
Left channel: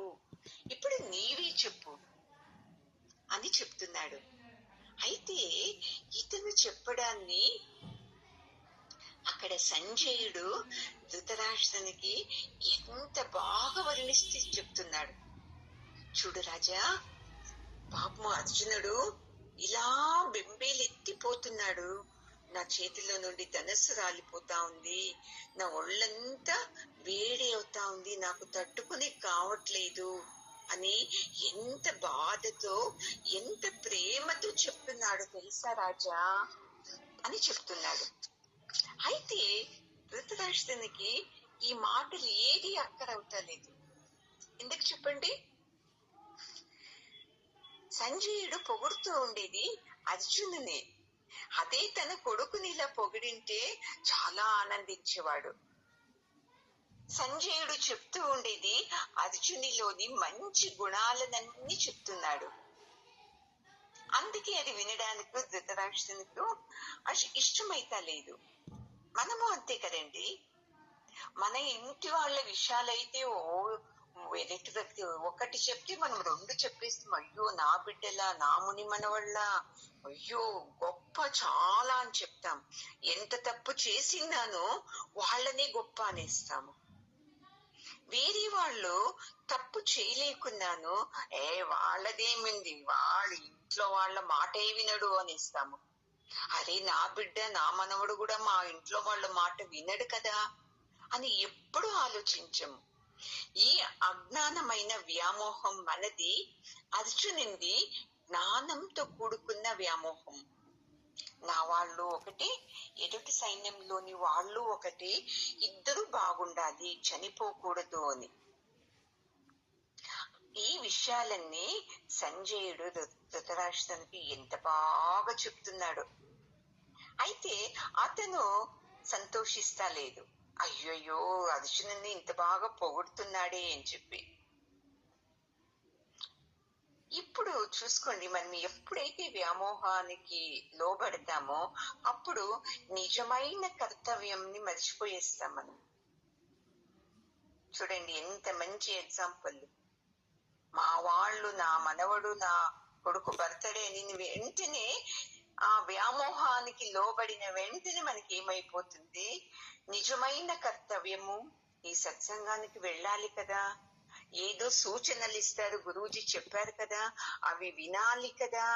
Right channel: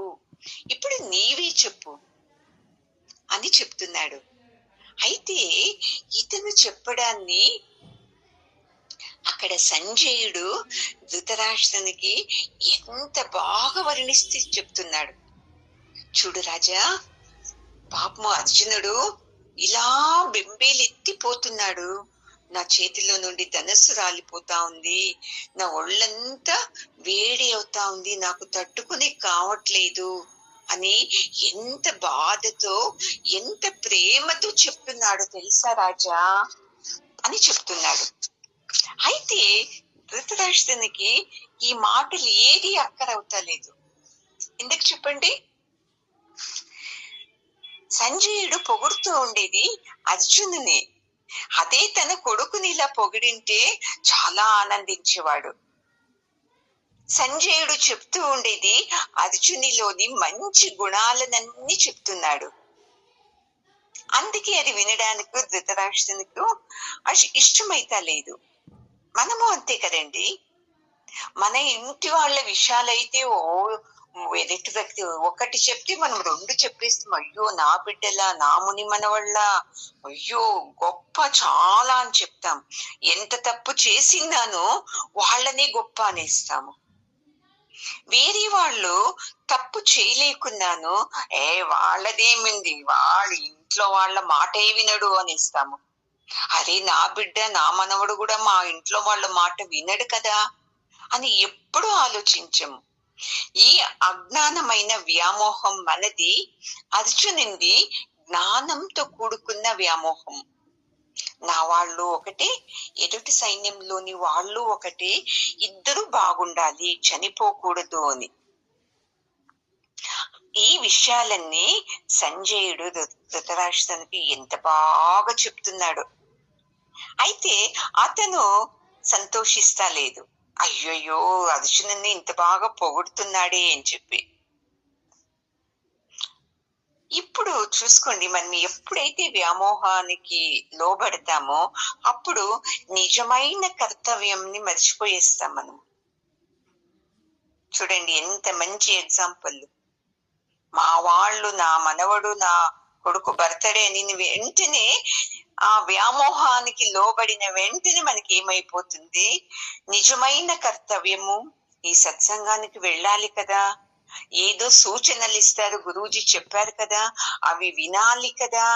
ఇప్పుడు నీవే చెప్పు అని చెప్తున్నాడు. అయితే ఇతను చెప్పడాన్ని అక్కడ సంజయుడు ధృతరాష్ట్రునికి ఎంత బాగా వర్ణిస్తే చెప్తున్నాడు. చూడు రాజా, పాపము అర్జునుడు ఇలా బెంబేలెత్తిపోతున్నాడు, నా చేతిలో నుండి ధనస్సు రాలిపోతా ఉంది, నా ఒళ్ళంతా వేడి అవుతా ఉంది, నాకు తట్టుకునే కావట్లేదు అని ఎంత బాధతో ఎంత ప్రేమతో చెప్తున్నాడు తెలుసా రాజా అని చెప్తున్నాడు. అయితే ధృతరాష్ట్రునికి ఈ మాటలు ఏది అక్కరవుతలేదు. ఎందుకు చెప్పండి? సంజయుడు పొగుడుతూ ఉండేది అర్జునుని, అదే తన కొడుకుని ఇలా పొగిడింటే చాలా ఆనందించేవాడు. సంజయుడు చెప్తూ ఉండేది అర్జునిలోని మంచి గుణాలనన్నీ చెప్తున్నాడు. అందుకే అది వినడానికి ధృతరాష్ట్రునికి ఇష్టమైతా లేదు. మనము అంతే కదండి, మన ఇంటి వాళ్ళ విషయాలైతే ఎదుటి వ్యక్తి ఒకటి చెప్తే మనం 2 చెప్పేస్తాం. అయ్యో నా బిడ్డలా, నా ముని మనవళ్ళ, అయ్యో గొప్ప చాలా అని చెప్తాం. ఎంత తప్పు చేసిందానో వాళ్ళని గొప్ప అనేస్తాము. వేరే వాళ్ళు తప్పు చేయలేకున్నాను, వాళ్ళదేమింది, వాళ్ళ ఇంట్లో వాళ్ళ మాటే వినడు అనేస్తాము. అరే నా బిడ్డ, నా మనవడు కూడా మా ఇంట్లో వాళ్ళ మాట వినడు కదా అని ఎప్పుడూ ఆలోచించము. ఈ అజ్ఞానమైన వ్యామోహం మనది, అర్జునుడి జ్ఞానంతో కూడుకున్న వ్యామోహం. నా వాళ్ళు ఒకటే, ఎదుటి సైన్యంలోని వాళ్ళు ఒకటే, ఇద్దరు బాగుండాలి, చనిపోకూడదు అని. ఈ విషయాలన్నీ సంజయుడు ధృతరాష్ట్రునికి ఎంత బాగా చెప్తున్నాడు. అయితే అతను సంతోషిస్తా లేదు, అయ్యయ్యో అర్జునుని ఇంత బాగా పొగుడుతున్నాడే అని చెప్పి. ఇప్పుడు చూసుకోండి, మనం ఎప్పుడైతే వ్యామోహానికి లోబడతామో అప్పుడు నిజమైన కర్తవ్యంని మర్చిపోయేస్తాం మనం. చూడండి ఎంత మంచి ఎగ్జాంపుల్. మా వాళ్ళు, నా మనవడు, నా కొడుకు బర్త్డే అని వెంటనే ఆ వ్యామోహానికి లోబడిన వెంటనే మనకి ఏమైపోతుంది, నిజమైన కర్తవ్యము ఈ సత్సంగానికి వెళ్ళాలి కదా, ఏదో సూచనలు ఇస్తారు, గురూజీ చెప్పారు కదా, అవి వినాలి కదా,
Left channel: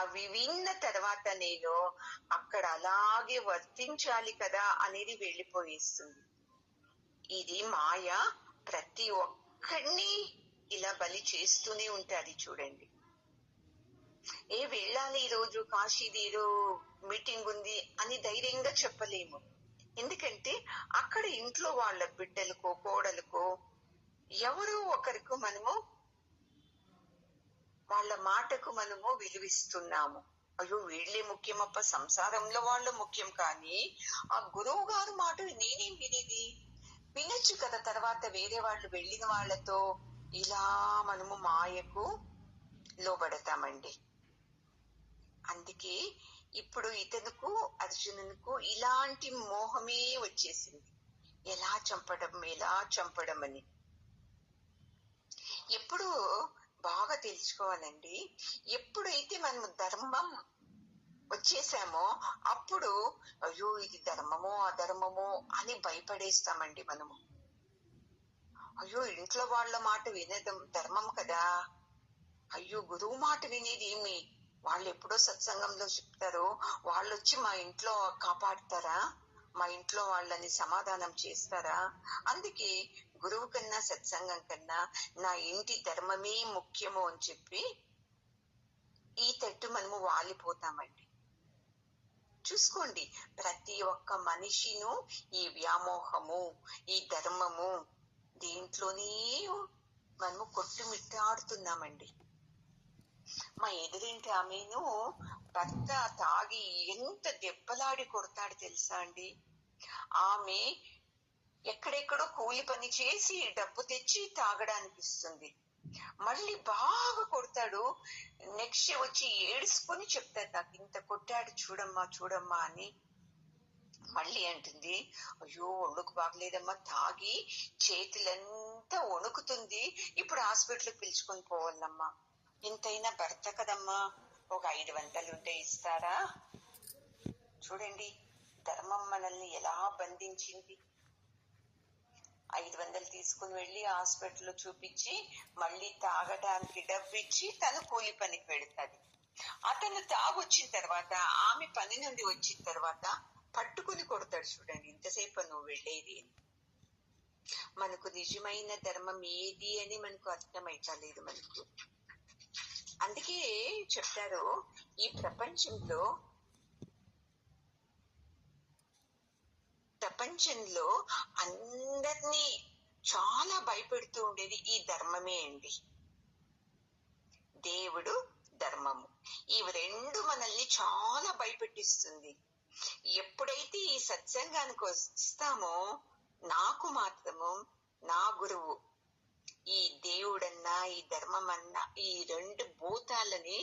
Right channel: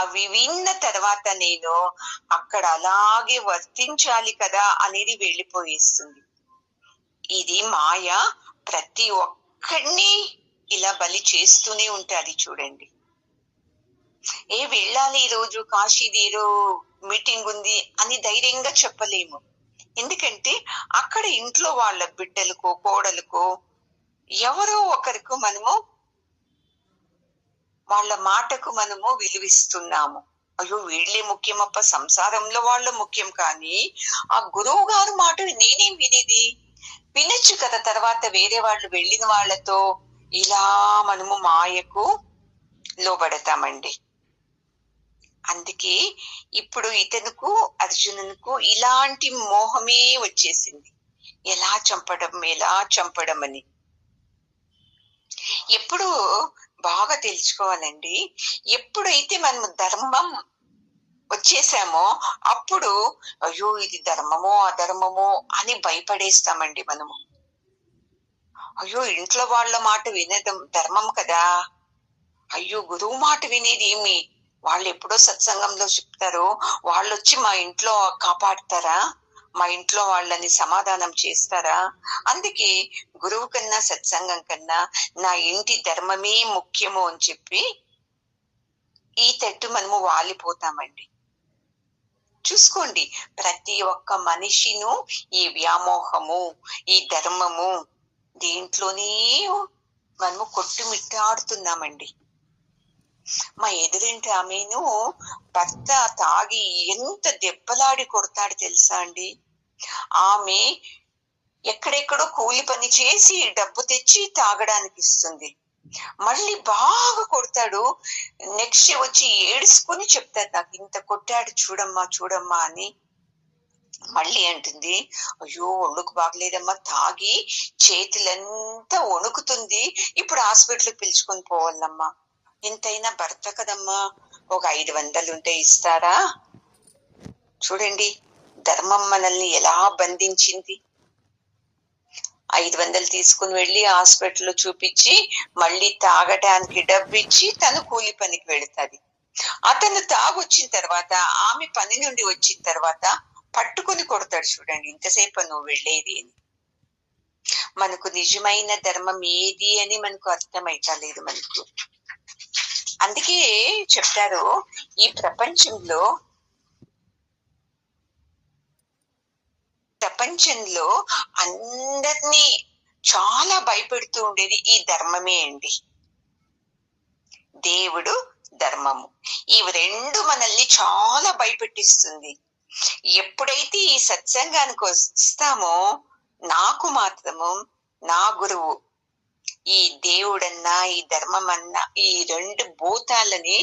అవి విన్న తర్వాత నేను అక్కడ అలాగే వర్తించాలి కదా అనేది వెళ్ళిపోయేస్తుంది. ఇది మాయ ప్రతి ఒక్కడిని ఇలా బలి చేస్తూనే ఉంటాది చూడండి. వెళ్ళాలి, ఈ రోజు కాశీది ఏదో మీటింగ్ ఉంది అని ధైర్యంగా చెప్పలేము. ఎందుకంటే అక్కడ ఇంట్లో వాళ్ళ బిడ్డలకో కోడలకో ఎవరో ఒకరికి మనము వాళ్ళ మాటకు మనము విలువిస్తున్నాము. అయ్యో వీళ్ళే ముఖ్యమప్ప, సంసారంలో వాళ్ళు ముఖ్యం, కానీ ఆ గురువు గారు మాట నేనేం వినేది, వినొచ్చు కదా. తర్వాత వేరే వాళ్ళు వెళ్ళిన వాళ్ళతో ఇలా మనము మాయకు లోబడతామండి. అందుకే ఇప్పుడు ఇతనుకు అర్జునుకు ఇలాంటి మోహమే వచ్చేసింది, ఎలా చంపడం అని. ఎప్పుడు బాగా తెలుసుకోవాలండి, ఎప్పుడైతే మనము ధర్మం వచ్చేసామో అప్పుడు అయ్యో ఇది ధర్మమో అధర్మమో అని భయపడేస్తామండి మనము. అయ్యో ఇంట్లో వాళ్ళ మాట వినడం ధర్మం కదా, అయ్యో గురువు మాట వినేది ఏమి, వాళ్ళు ఎప్పుడో సత్సంగంలో చెప్తారో వాళ్ళు వచ్చి మా ఇంట్లో కాపాడతారా, మా ఇంట్లో వాళ్ళని సమాధానం చేస్తారా, అందుకే గురువు కన్నా సత్సంగం కన్నా నా ఇంటి ధర్మమే ముఖ్యము అని చెప్పి ఈ తట్టు మనము వాలిపోతామండి. చూసుకోండి, ప్రతి ఒక్క మనిషిను ఈ వ్యామోహము, ఈ ధర్మము దీంట్లోనే మనము కొట్టుమిట్టాడుతున్నామండి. మా ఎదురింటి ఆమెను భర్త తాగి ఎంత దెబ్బలాడి కొడతాడు తెలుసా అండి. ఆమె ఎక్కడెక్కడో కూలి పని చేసి డబ్బు తెచ్చి తాగడానికి ఇస్తుంది, మళ్ళీ బాగా కొడతాడు. నెక్స్ట్ వచ్చి ఏడుసుకుని చెప్తాడు, నాకు ఇంత కొట్టాడు చూడమ్మా అని. మళ్ళీ అంటుంది, అయ్యో ఒళ్ళుకు బాగలేదమ్మా, తాగి చేతులంతా వణుకుతుంది, ఇప్పుడు హాస్పిటల్కి పిలుచుకొని పోవాలమ్మా. ఎంతైనా భర్త కదమ్మా, ఒక 500 ఉంటే ఇస్తారా? చూడండి ధర్మం మనల్ని ఎలా బంధించింది. 500 తీసుకుని వెళ్ళి హాస్పిటల్లో చూపించి మళ్ళీ తాగటానికి డబ్బు ఇచ్చి తను కూలి పనికి వెళుతుంది. అతను తాగొచ్చిన తర్వాత ఆమె పని నుండి వచ్చిన తర్వాత పట్టుకుని కొడతాడు. చూడండి ఇంతసేపు నువ్వు వెళ్ళేది అని. మనకు నిజమైన ధర్మం ఏది అని మనకు అర్థమైతలేదు మనకు. అందుకే చెప్తారు, ఈ ప్రపంచంలో అందరినీ చాలా భయపెడుతూ ఉండేది ఈ ధర్మమే అండి. దేవుడు, ధర్మము, ఇవి రెండు మనల్ని చాలా భయపెట్టిస్తుంది. ఎప్పుడైతే ఈ సత్సంగానికి వస్తామో నాకు మాత్రము నా గురువు ఈ దేవుడన్నా ఈ ధర్మం అన్నా ఈ రెండు భూతాలని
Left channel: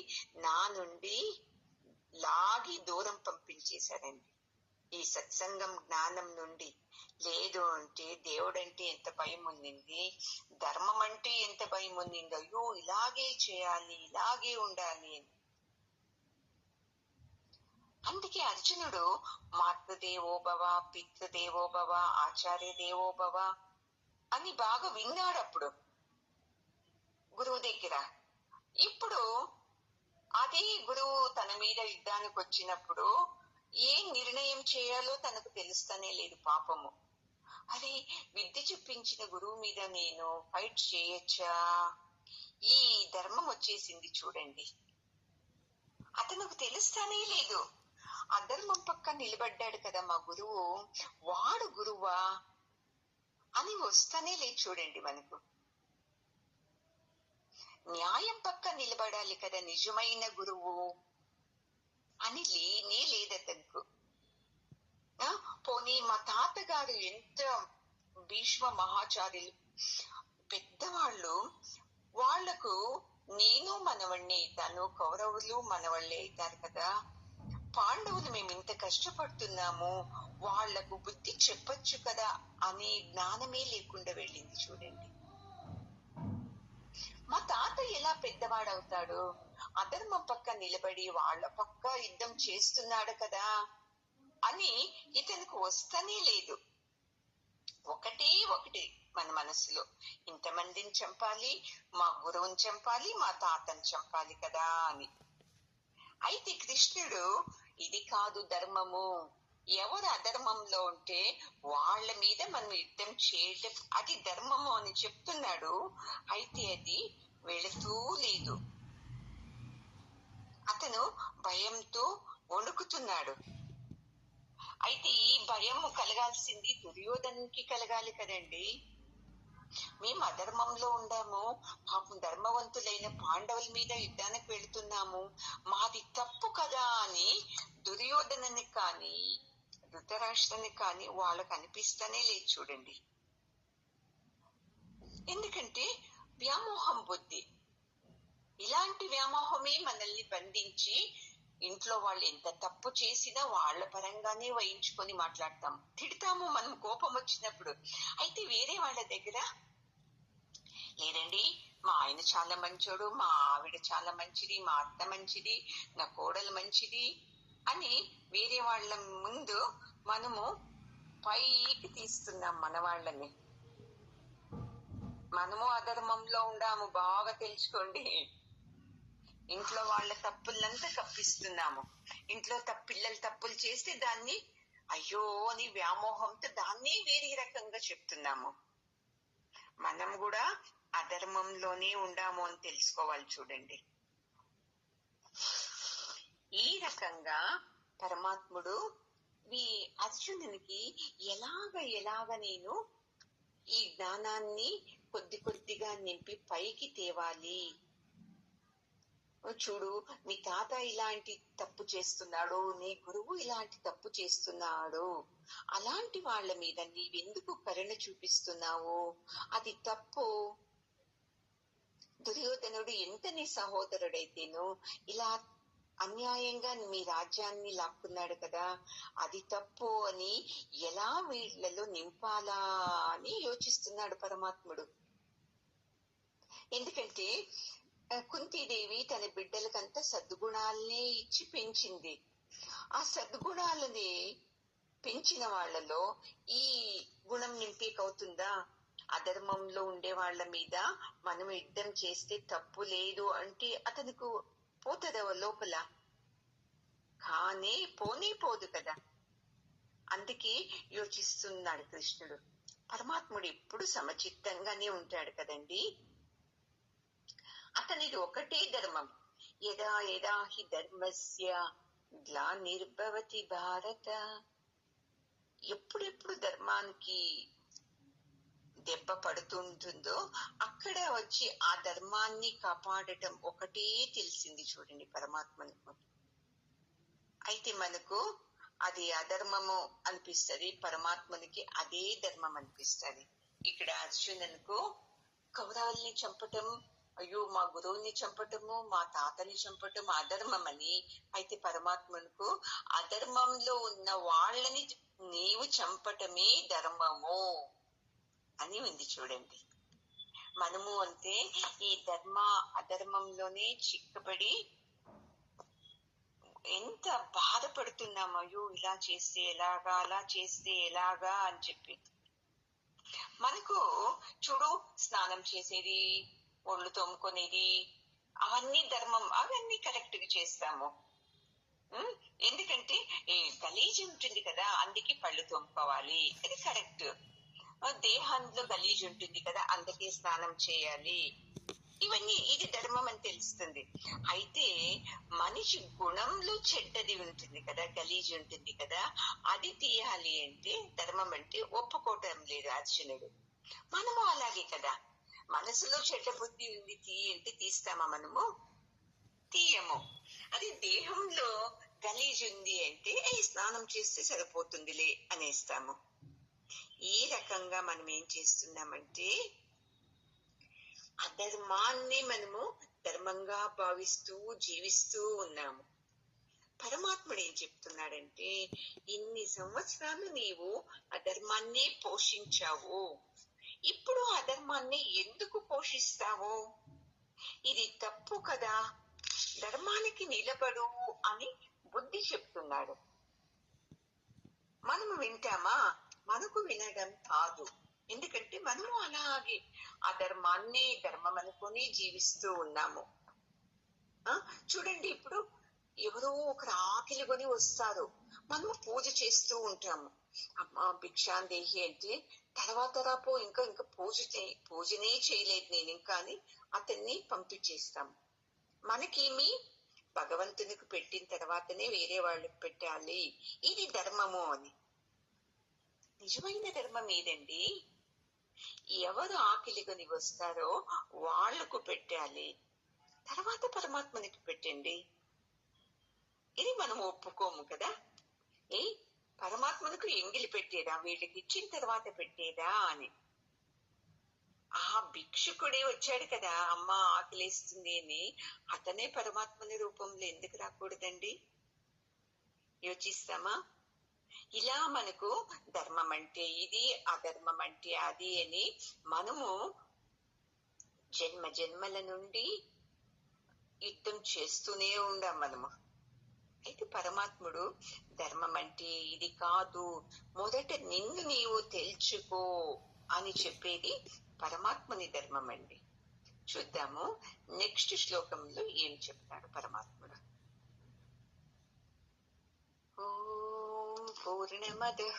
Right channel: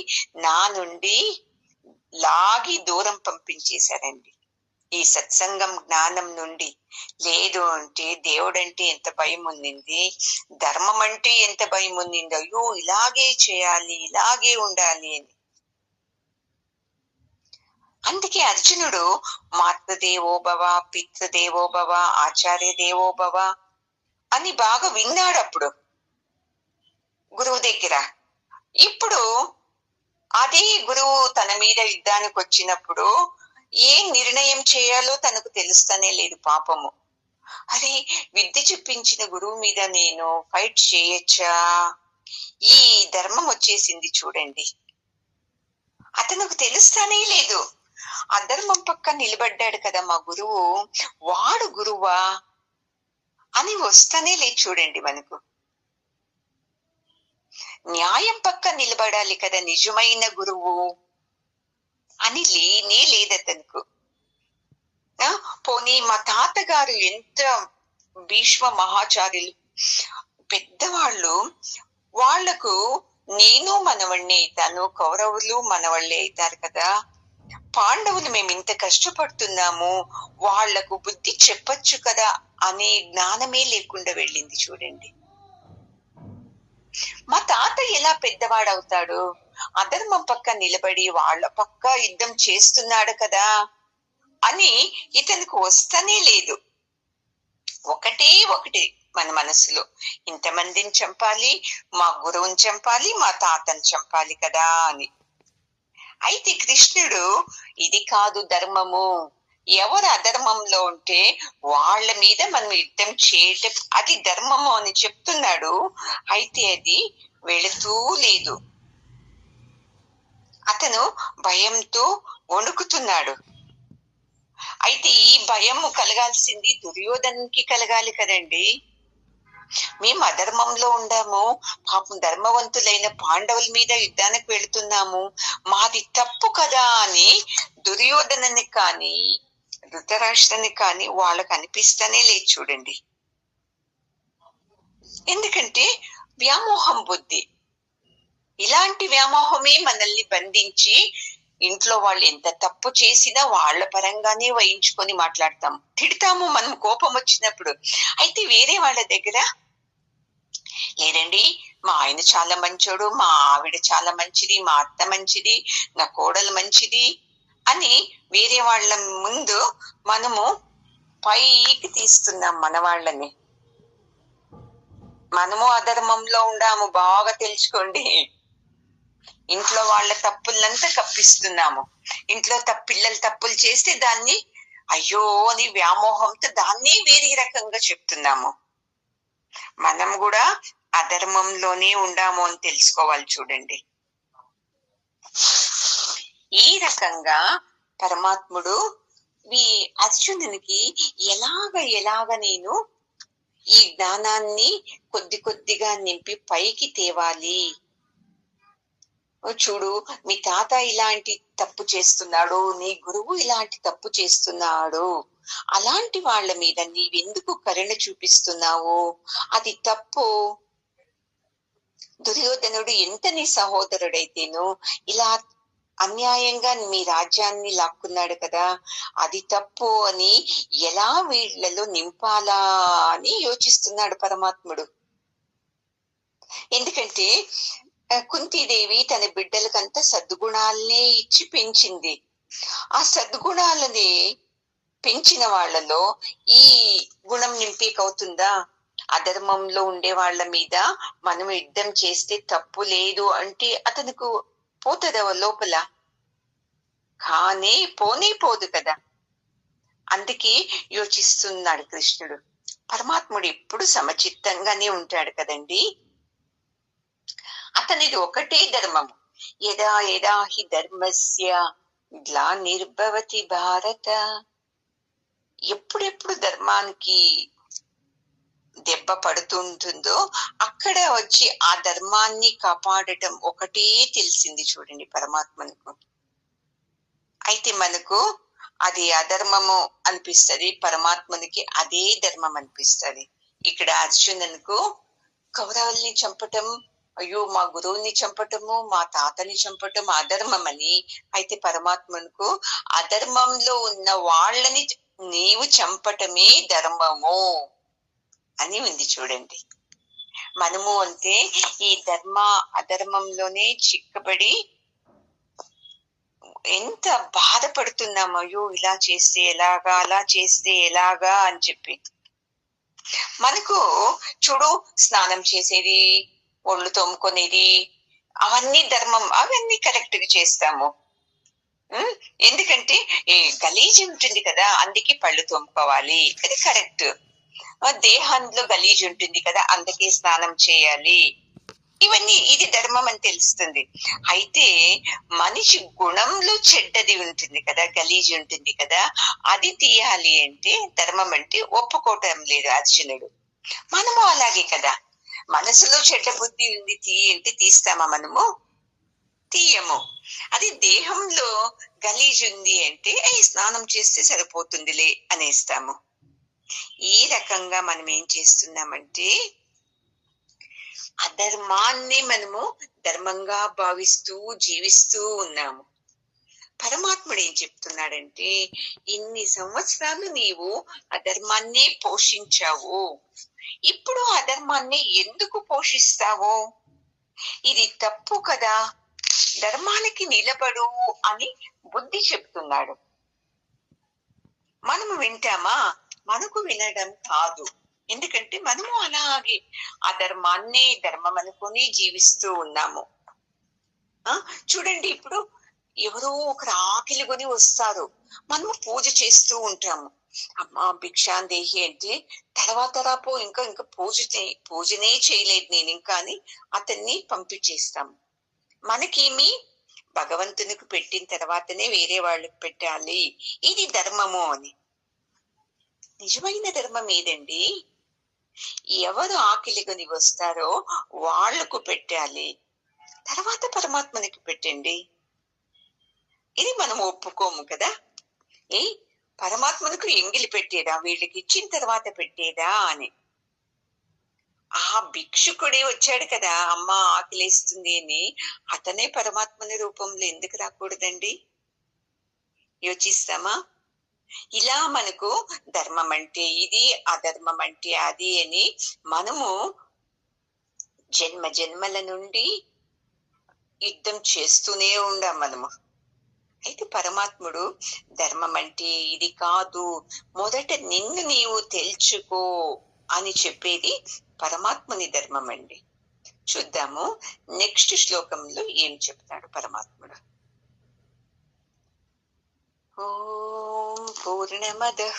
నా నుండి లాగి దూరం పంపించేశారండి. ఈ సత్సంగం జ్ఞానం నుండి. లేదు అంటే దేవుడంటే ఎంత భయం ఉండింది, ధర్మం అంటే ఎంత భయం ఉండింది, అయ్యో ఇలాగే చేయాలి ఇలాగే ఉండాలి అని. అందుకే అర్జునుడు మాతృదేవోభవ, పితృదేవోభవ, ఆచార్య దేవోభవ అని బాగా విన్నాడు అప్పుడు గురువు దగ్గర. ఇప్పుడు అదే గురువు తన మీద యుద్ధానికి వచ్చినప్పుడు ఏం నిర్ణయం చేయాలో తనకు తెలుస్తనే లేదు పాపము. అరే విద్య చెప్పించిన గురువు మీద నేను ఫైట్ చేయొచ్చా? ఈ ధర్మం వచ్చేసింది చూడండి. అతనికి తెలుస్తానే లేదు. అధర్మం పక్క నిలబడ్డాడు కదా మా గురువు, వాడు గురువా అని వస్తానే లేదు చూడండి మనకు. న్యాయం పక్క నిలబడాలి కదా నిజమైన గురువు అని లేనే లేదు అతనుకు. పోనీ మా తాతగారు ఎంత భీష్మ మహాచార్యులు పెద్దవాళ్ళు, వాళ్లకు నేను మనవణ్ణి అవుతాను, కౌరవులు మనవాళ్ళే అవుతారు కదా, పాండవులు మేము ఇంత కష్టపడుతున్నాము వాళ్లకు బుద్ధి చెప్పచ్చు కదా అనే జ్ఞానమే లేకుండా వెళ్ళింది చూడండి. మా తాత ఎలా పెద్దవాడవుతాడు? అధర్మం పక్క నిలబడి వాళ్ళ పక్క యుద్ధం చేస్తున్నాడు కదా అని ఇతనికి వస్తనే లేదు. ఒకటి మన మనసులో. ఇంతమందిని చంపాలి, మా గురువుని చంపాలి, మా తాతని చంపాలి కదా అని. అయితే కృష్ణుడు ఇది కాదు ధర్మము, ఎవరు అధర్మంలో ఉంటే వాళ్ళ మీద మనం యుద్ధం చేయటం అది ధర్మము అని చెప్తున్నాడు. అయితే అది వెళుతూ లేదు. అతను భయంతో వణుకుతున్నాడు. అయితే ఈ భయము కలగాల్సింది దుర్యోధనకి కలగాలి కదండి. మేము అధర్మంలో ఉండాము, పాపం ధర్మవంతులైన పాండవుల మీద యుద్ధానికి వెళుతున్నాము, మాది తప్పు కదా అని దుర్యోధనని కానీ ధృతరాష్ట్రని కానీ వాళ్ళకు అనిపిస్తానే లేదు చూడండి. ఎందుకంటే వ్యామోహం బుద్ధి. ఇలాంటి వ్యామోహమే మనల్ని బంధించి ఇంట్లో వాళ్ళు ఎంత తప్పు చేసినా వాళ్ళ పరంగానే వహించుకొని మాట్లాడతాం, తిడతాము మనం కోపం వచ్చినప్పుడు. అయితే వేరే వాళ్ళ దగ్గర లేదండి, మా ఆయన చాలా మంచోడు, మా ఆవిడ చాలా మంచిది, మా అత్త మంచిది, నా కోడలు మంచిది అని వేరే వాళ్ళ ముందు మనము పైకి తీస్తున్నాం మన వాళ్ళని. మనము అధర్మంలో ఉండాము, బాగా తెలుసుకోండి. ఇంట్లో వాళ్ళ తప్పులంతా కప్పిస్తున్నాము. ఇంట్లో పిల్లలు తప్పులు చేస్తే దాన్ని అయ్యో అని వ్యామోహంతో దాన్ని వేరే రకంగా చెప్తున్నాము. మనం కూడా అధర్మంలోనే ఉండాము అని తెలుసుకోవాలి చూడండి. ఈ రకంగా పరమాత్ముడు అర్జునునికి ఎలాగ నేను ఈ జ్ఞానాన్ని కొద్ది కొద్దిగా నింపి పైకి తేవాలి. చూడు, మీ తాత ఇలాంటి తప్పు చేస్తున్నాడు, నీ గురువు ఇలాంటి తప్పు చేస్తున్నాడు, అలాంటి వాళ్ళ మీద నీవెందుకు కరుణ చూపిస్తున్నావు? అది తప్పు. దుర్యోధనుడు ఎంత నీ సహోదరుడైతేను ఇలా అన్యాయంగా మీ రాజ్యాన్ని లాక్కున్నాడు కదా, అది తప్పు అని ఎలా వీళ్లలో నింపాలా అని యోచిస్తున్నాడు పరమాత్ముడు. ఎందుకంటే కుంతీదేవి తన బిడ్డలకంతా సద్గుణాలనే ఇచ్చి పెంచింది. ఆ సద్గుణాలని పెంచిన వాళ్ళలో ఈ గుణం నింపేకవుతుందా? అధర్మంలో ఉండే వాళ్ళ మీద మనం యుద్ధం చేస్తే తప్పు లేదు అంటే అతనికి పోతుందా లోపల? కానీ పోదు కదా. అందుకే యోచిస్తున్నాడు కృష్ణుడు. పరమాత్ముడు ఎప్పుడు సమచిత్తంగానే ఉంటాడు కదండి. అతనిది ఒకటే ధర్మము. యదా యదా హి ధర్మస్య గ్లానిర్భవతి భారత. ఎప్పుడెప్పుడు ధర్మానికి దెబ్బ పడుతుంటుందో అక్కడ వచ్చి ఆ ధర్మాన్ని కాపాడటం ఒకటే తెలిసింది చూడండి పరమాత్మకు. అయితే మనకు అది అధర్మము అనిపిస్తుంది, పరమాత్మనికి అదే ధర్మం అనిపిస్తుంది. ఇక్కడ అర్జునునికి కౌరవుల్ని చంపటం, అయ్యో మా గురువుని చంపటము, మా తాతని చంపటం అధర్మం అని. అయితే పరమాత్మకు అధర్మంలో ఉన్న వాళ్ళని నీవు చంపటమే ధర్మము అని ఉంది చూడండి. మనము అంటే ఈ అధర్మంలోనే చిక్కబడి ఎంత బాధపడుతున్నాము, అయ్యో ఇలా చేస్తే ఎలాగా, అలా చేస్తే ఎలాగా అని చెప్పి. మనకు చూడు, స్నానం చేసేది, ఒళ్ళు తోముకునేది, అవన్నీ ధర్మం, అవన్నీ కరెక్ట్ గా చేస్తాము. ఎందుకంటే గలీజ్ ఉంటుంది కదా, అందుకే పళ్ళు తోముకోవాలి, అది కరెక్ట్. దేహంలో గలీజ్ ఉంటుంది కదా, అందుకే స్నానం చేయాలి, ఇవన్నీ ఇది ధర్మం అని తెలుస్తుంది. అయితే మనిషి గుణంలో చెడ్డది ఉంటుంది కదా, గలీజ్ ఉంటుంది కదా, అది తీయాలి అంటే ధర్మం అంటే ఒప్పుకోవటం లేదు అర్జునుడు. మనము అలాగే కదా, మనసులో చెడ్డ బుద్ధి ఉంది అంటే తీస్తామా? మనము తీయము. అది దేహంలో గలీజ్ ఉంది అంటే స్నానం చేస్తే సరిపోతుందిలే అనేస్తాము. ఈ రకంగా మనం ఏం చేస్తున్నామంటే అధర్మాన్ని మనము ధర్మంగా భావిస్తూ జీవిస్తూ ఉన్నాము. పరమాత్ముడు ఏం చెప్తున్నాడంటే, ఇన్ని సంవత్సరాలు నీవు అధర్మాన్ని పోషించావు, ఇప్పుడు అధర్మాన్ని ఎందుకు పోషిస్తావు? ఇది తప్పు కదా, ధర్మానికి నిలబడు అని బుద్ధి చెప్తున్నాడు. మనము వింటామా? మనకు వినడం కాదు. ఎందుకంటే మనము అలాగే ఆ ధర్మాన్నే ధర్మం అనుకుని జీవిస్తూ ఉన్నాము. ఆ చూడండి, ఇప్పుడు ఎవరో ఒకరు ఆకలి కొని వస్తారు, మనము పూజ చేస్తూ ఉంటాము. అమ్మా భిక్షాందేహి అంటే, తర్వాత రా పో, ఇంకా ఇంకా పూజనే చేయలేదు నేను ఇంకా అని అతన్ని పంపించేస్తాము. మనకేమి, భగవంతునికి పెట్టిన తర్వాతనే వేరే వాళ్ళకి పెట్టాలి, ఇది ధర్మము అని. నిజమైన ధర్మం ఏదండి? ఎవరు ఆకలిగొని వస్తారో వాళ్లకు పెట్టాలి, తర్వాత పరమాత్మనికి పెట్టండి. ఇది మనం ఒప్పుకోము కదా. ఏ పరమాత్మకు ఎంగిలి పెట్టేదా, వీళ్ళకి ఇచ్చిన తర్వాత పెట్టేదా అని. ఆ భిక్షుకుడే వచ్చాడు కదా, అమ్మ ఆకలేస్తుంది అని, అతనే పరమాత్మని రూపంలో ఎందుకు రాకూడదండి? యోచిస్తామా? ఇలా మనకు ధర్మం అంటే ఇది, అధర్మం అంటే అది అని మనము జన్మ జన్మల నుండి యుద్ధం చేస్తూనే ఉండాం మనము. అయితే పరమాత్ముడు ధర్మం అంటే ఇది కాదు, మొదట నిన్ను నీవు తెలుసుకో అని చెప్పేది పరమాత్ముని ధర్మం అండి. చూద్దాము నెక్స్ట్ శ్లోకంలో ఏం చెప్తాడు పరమాత్ముడు. ఓం పూర్ణమదః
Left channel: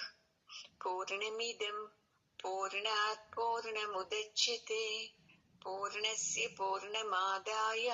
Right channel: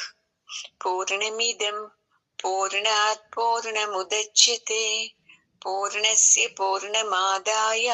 పూర్ణమిదం పూర్ణాత్ పూర్ణముదచ్యతే పూర్ణస్య పూర్ణమాదాయ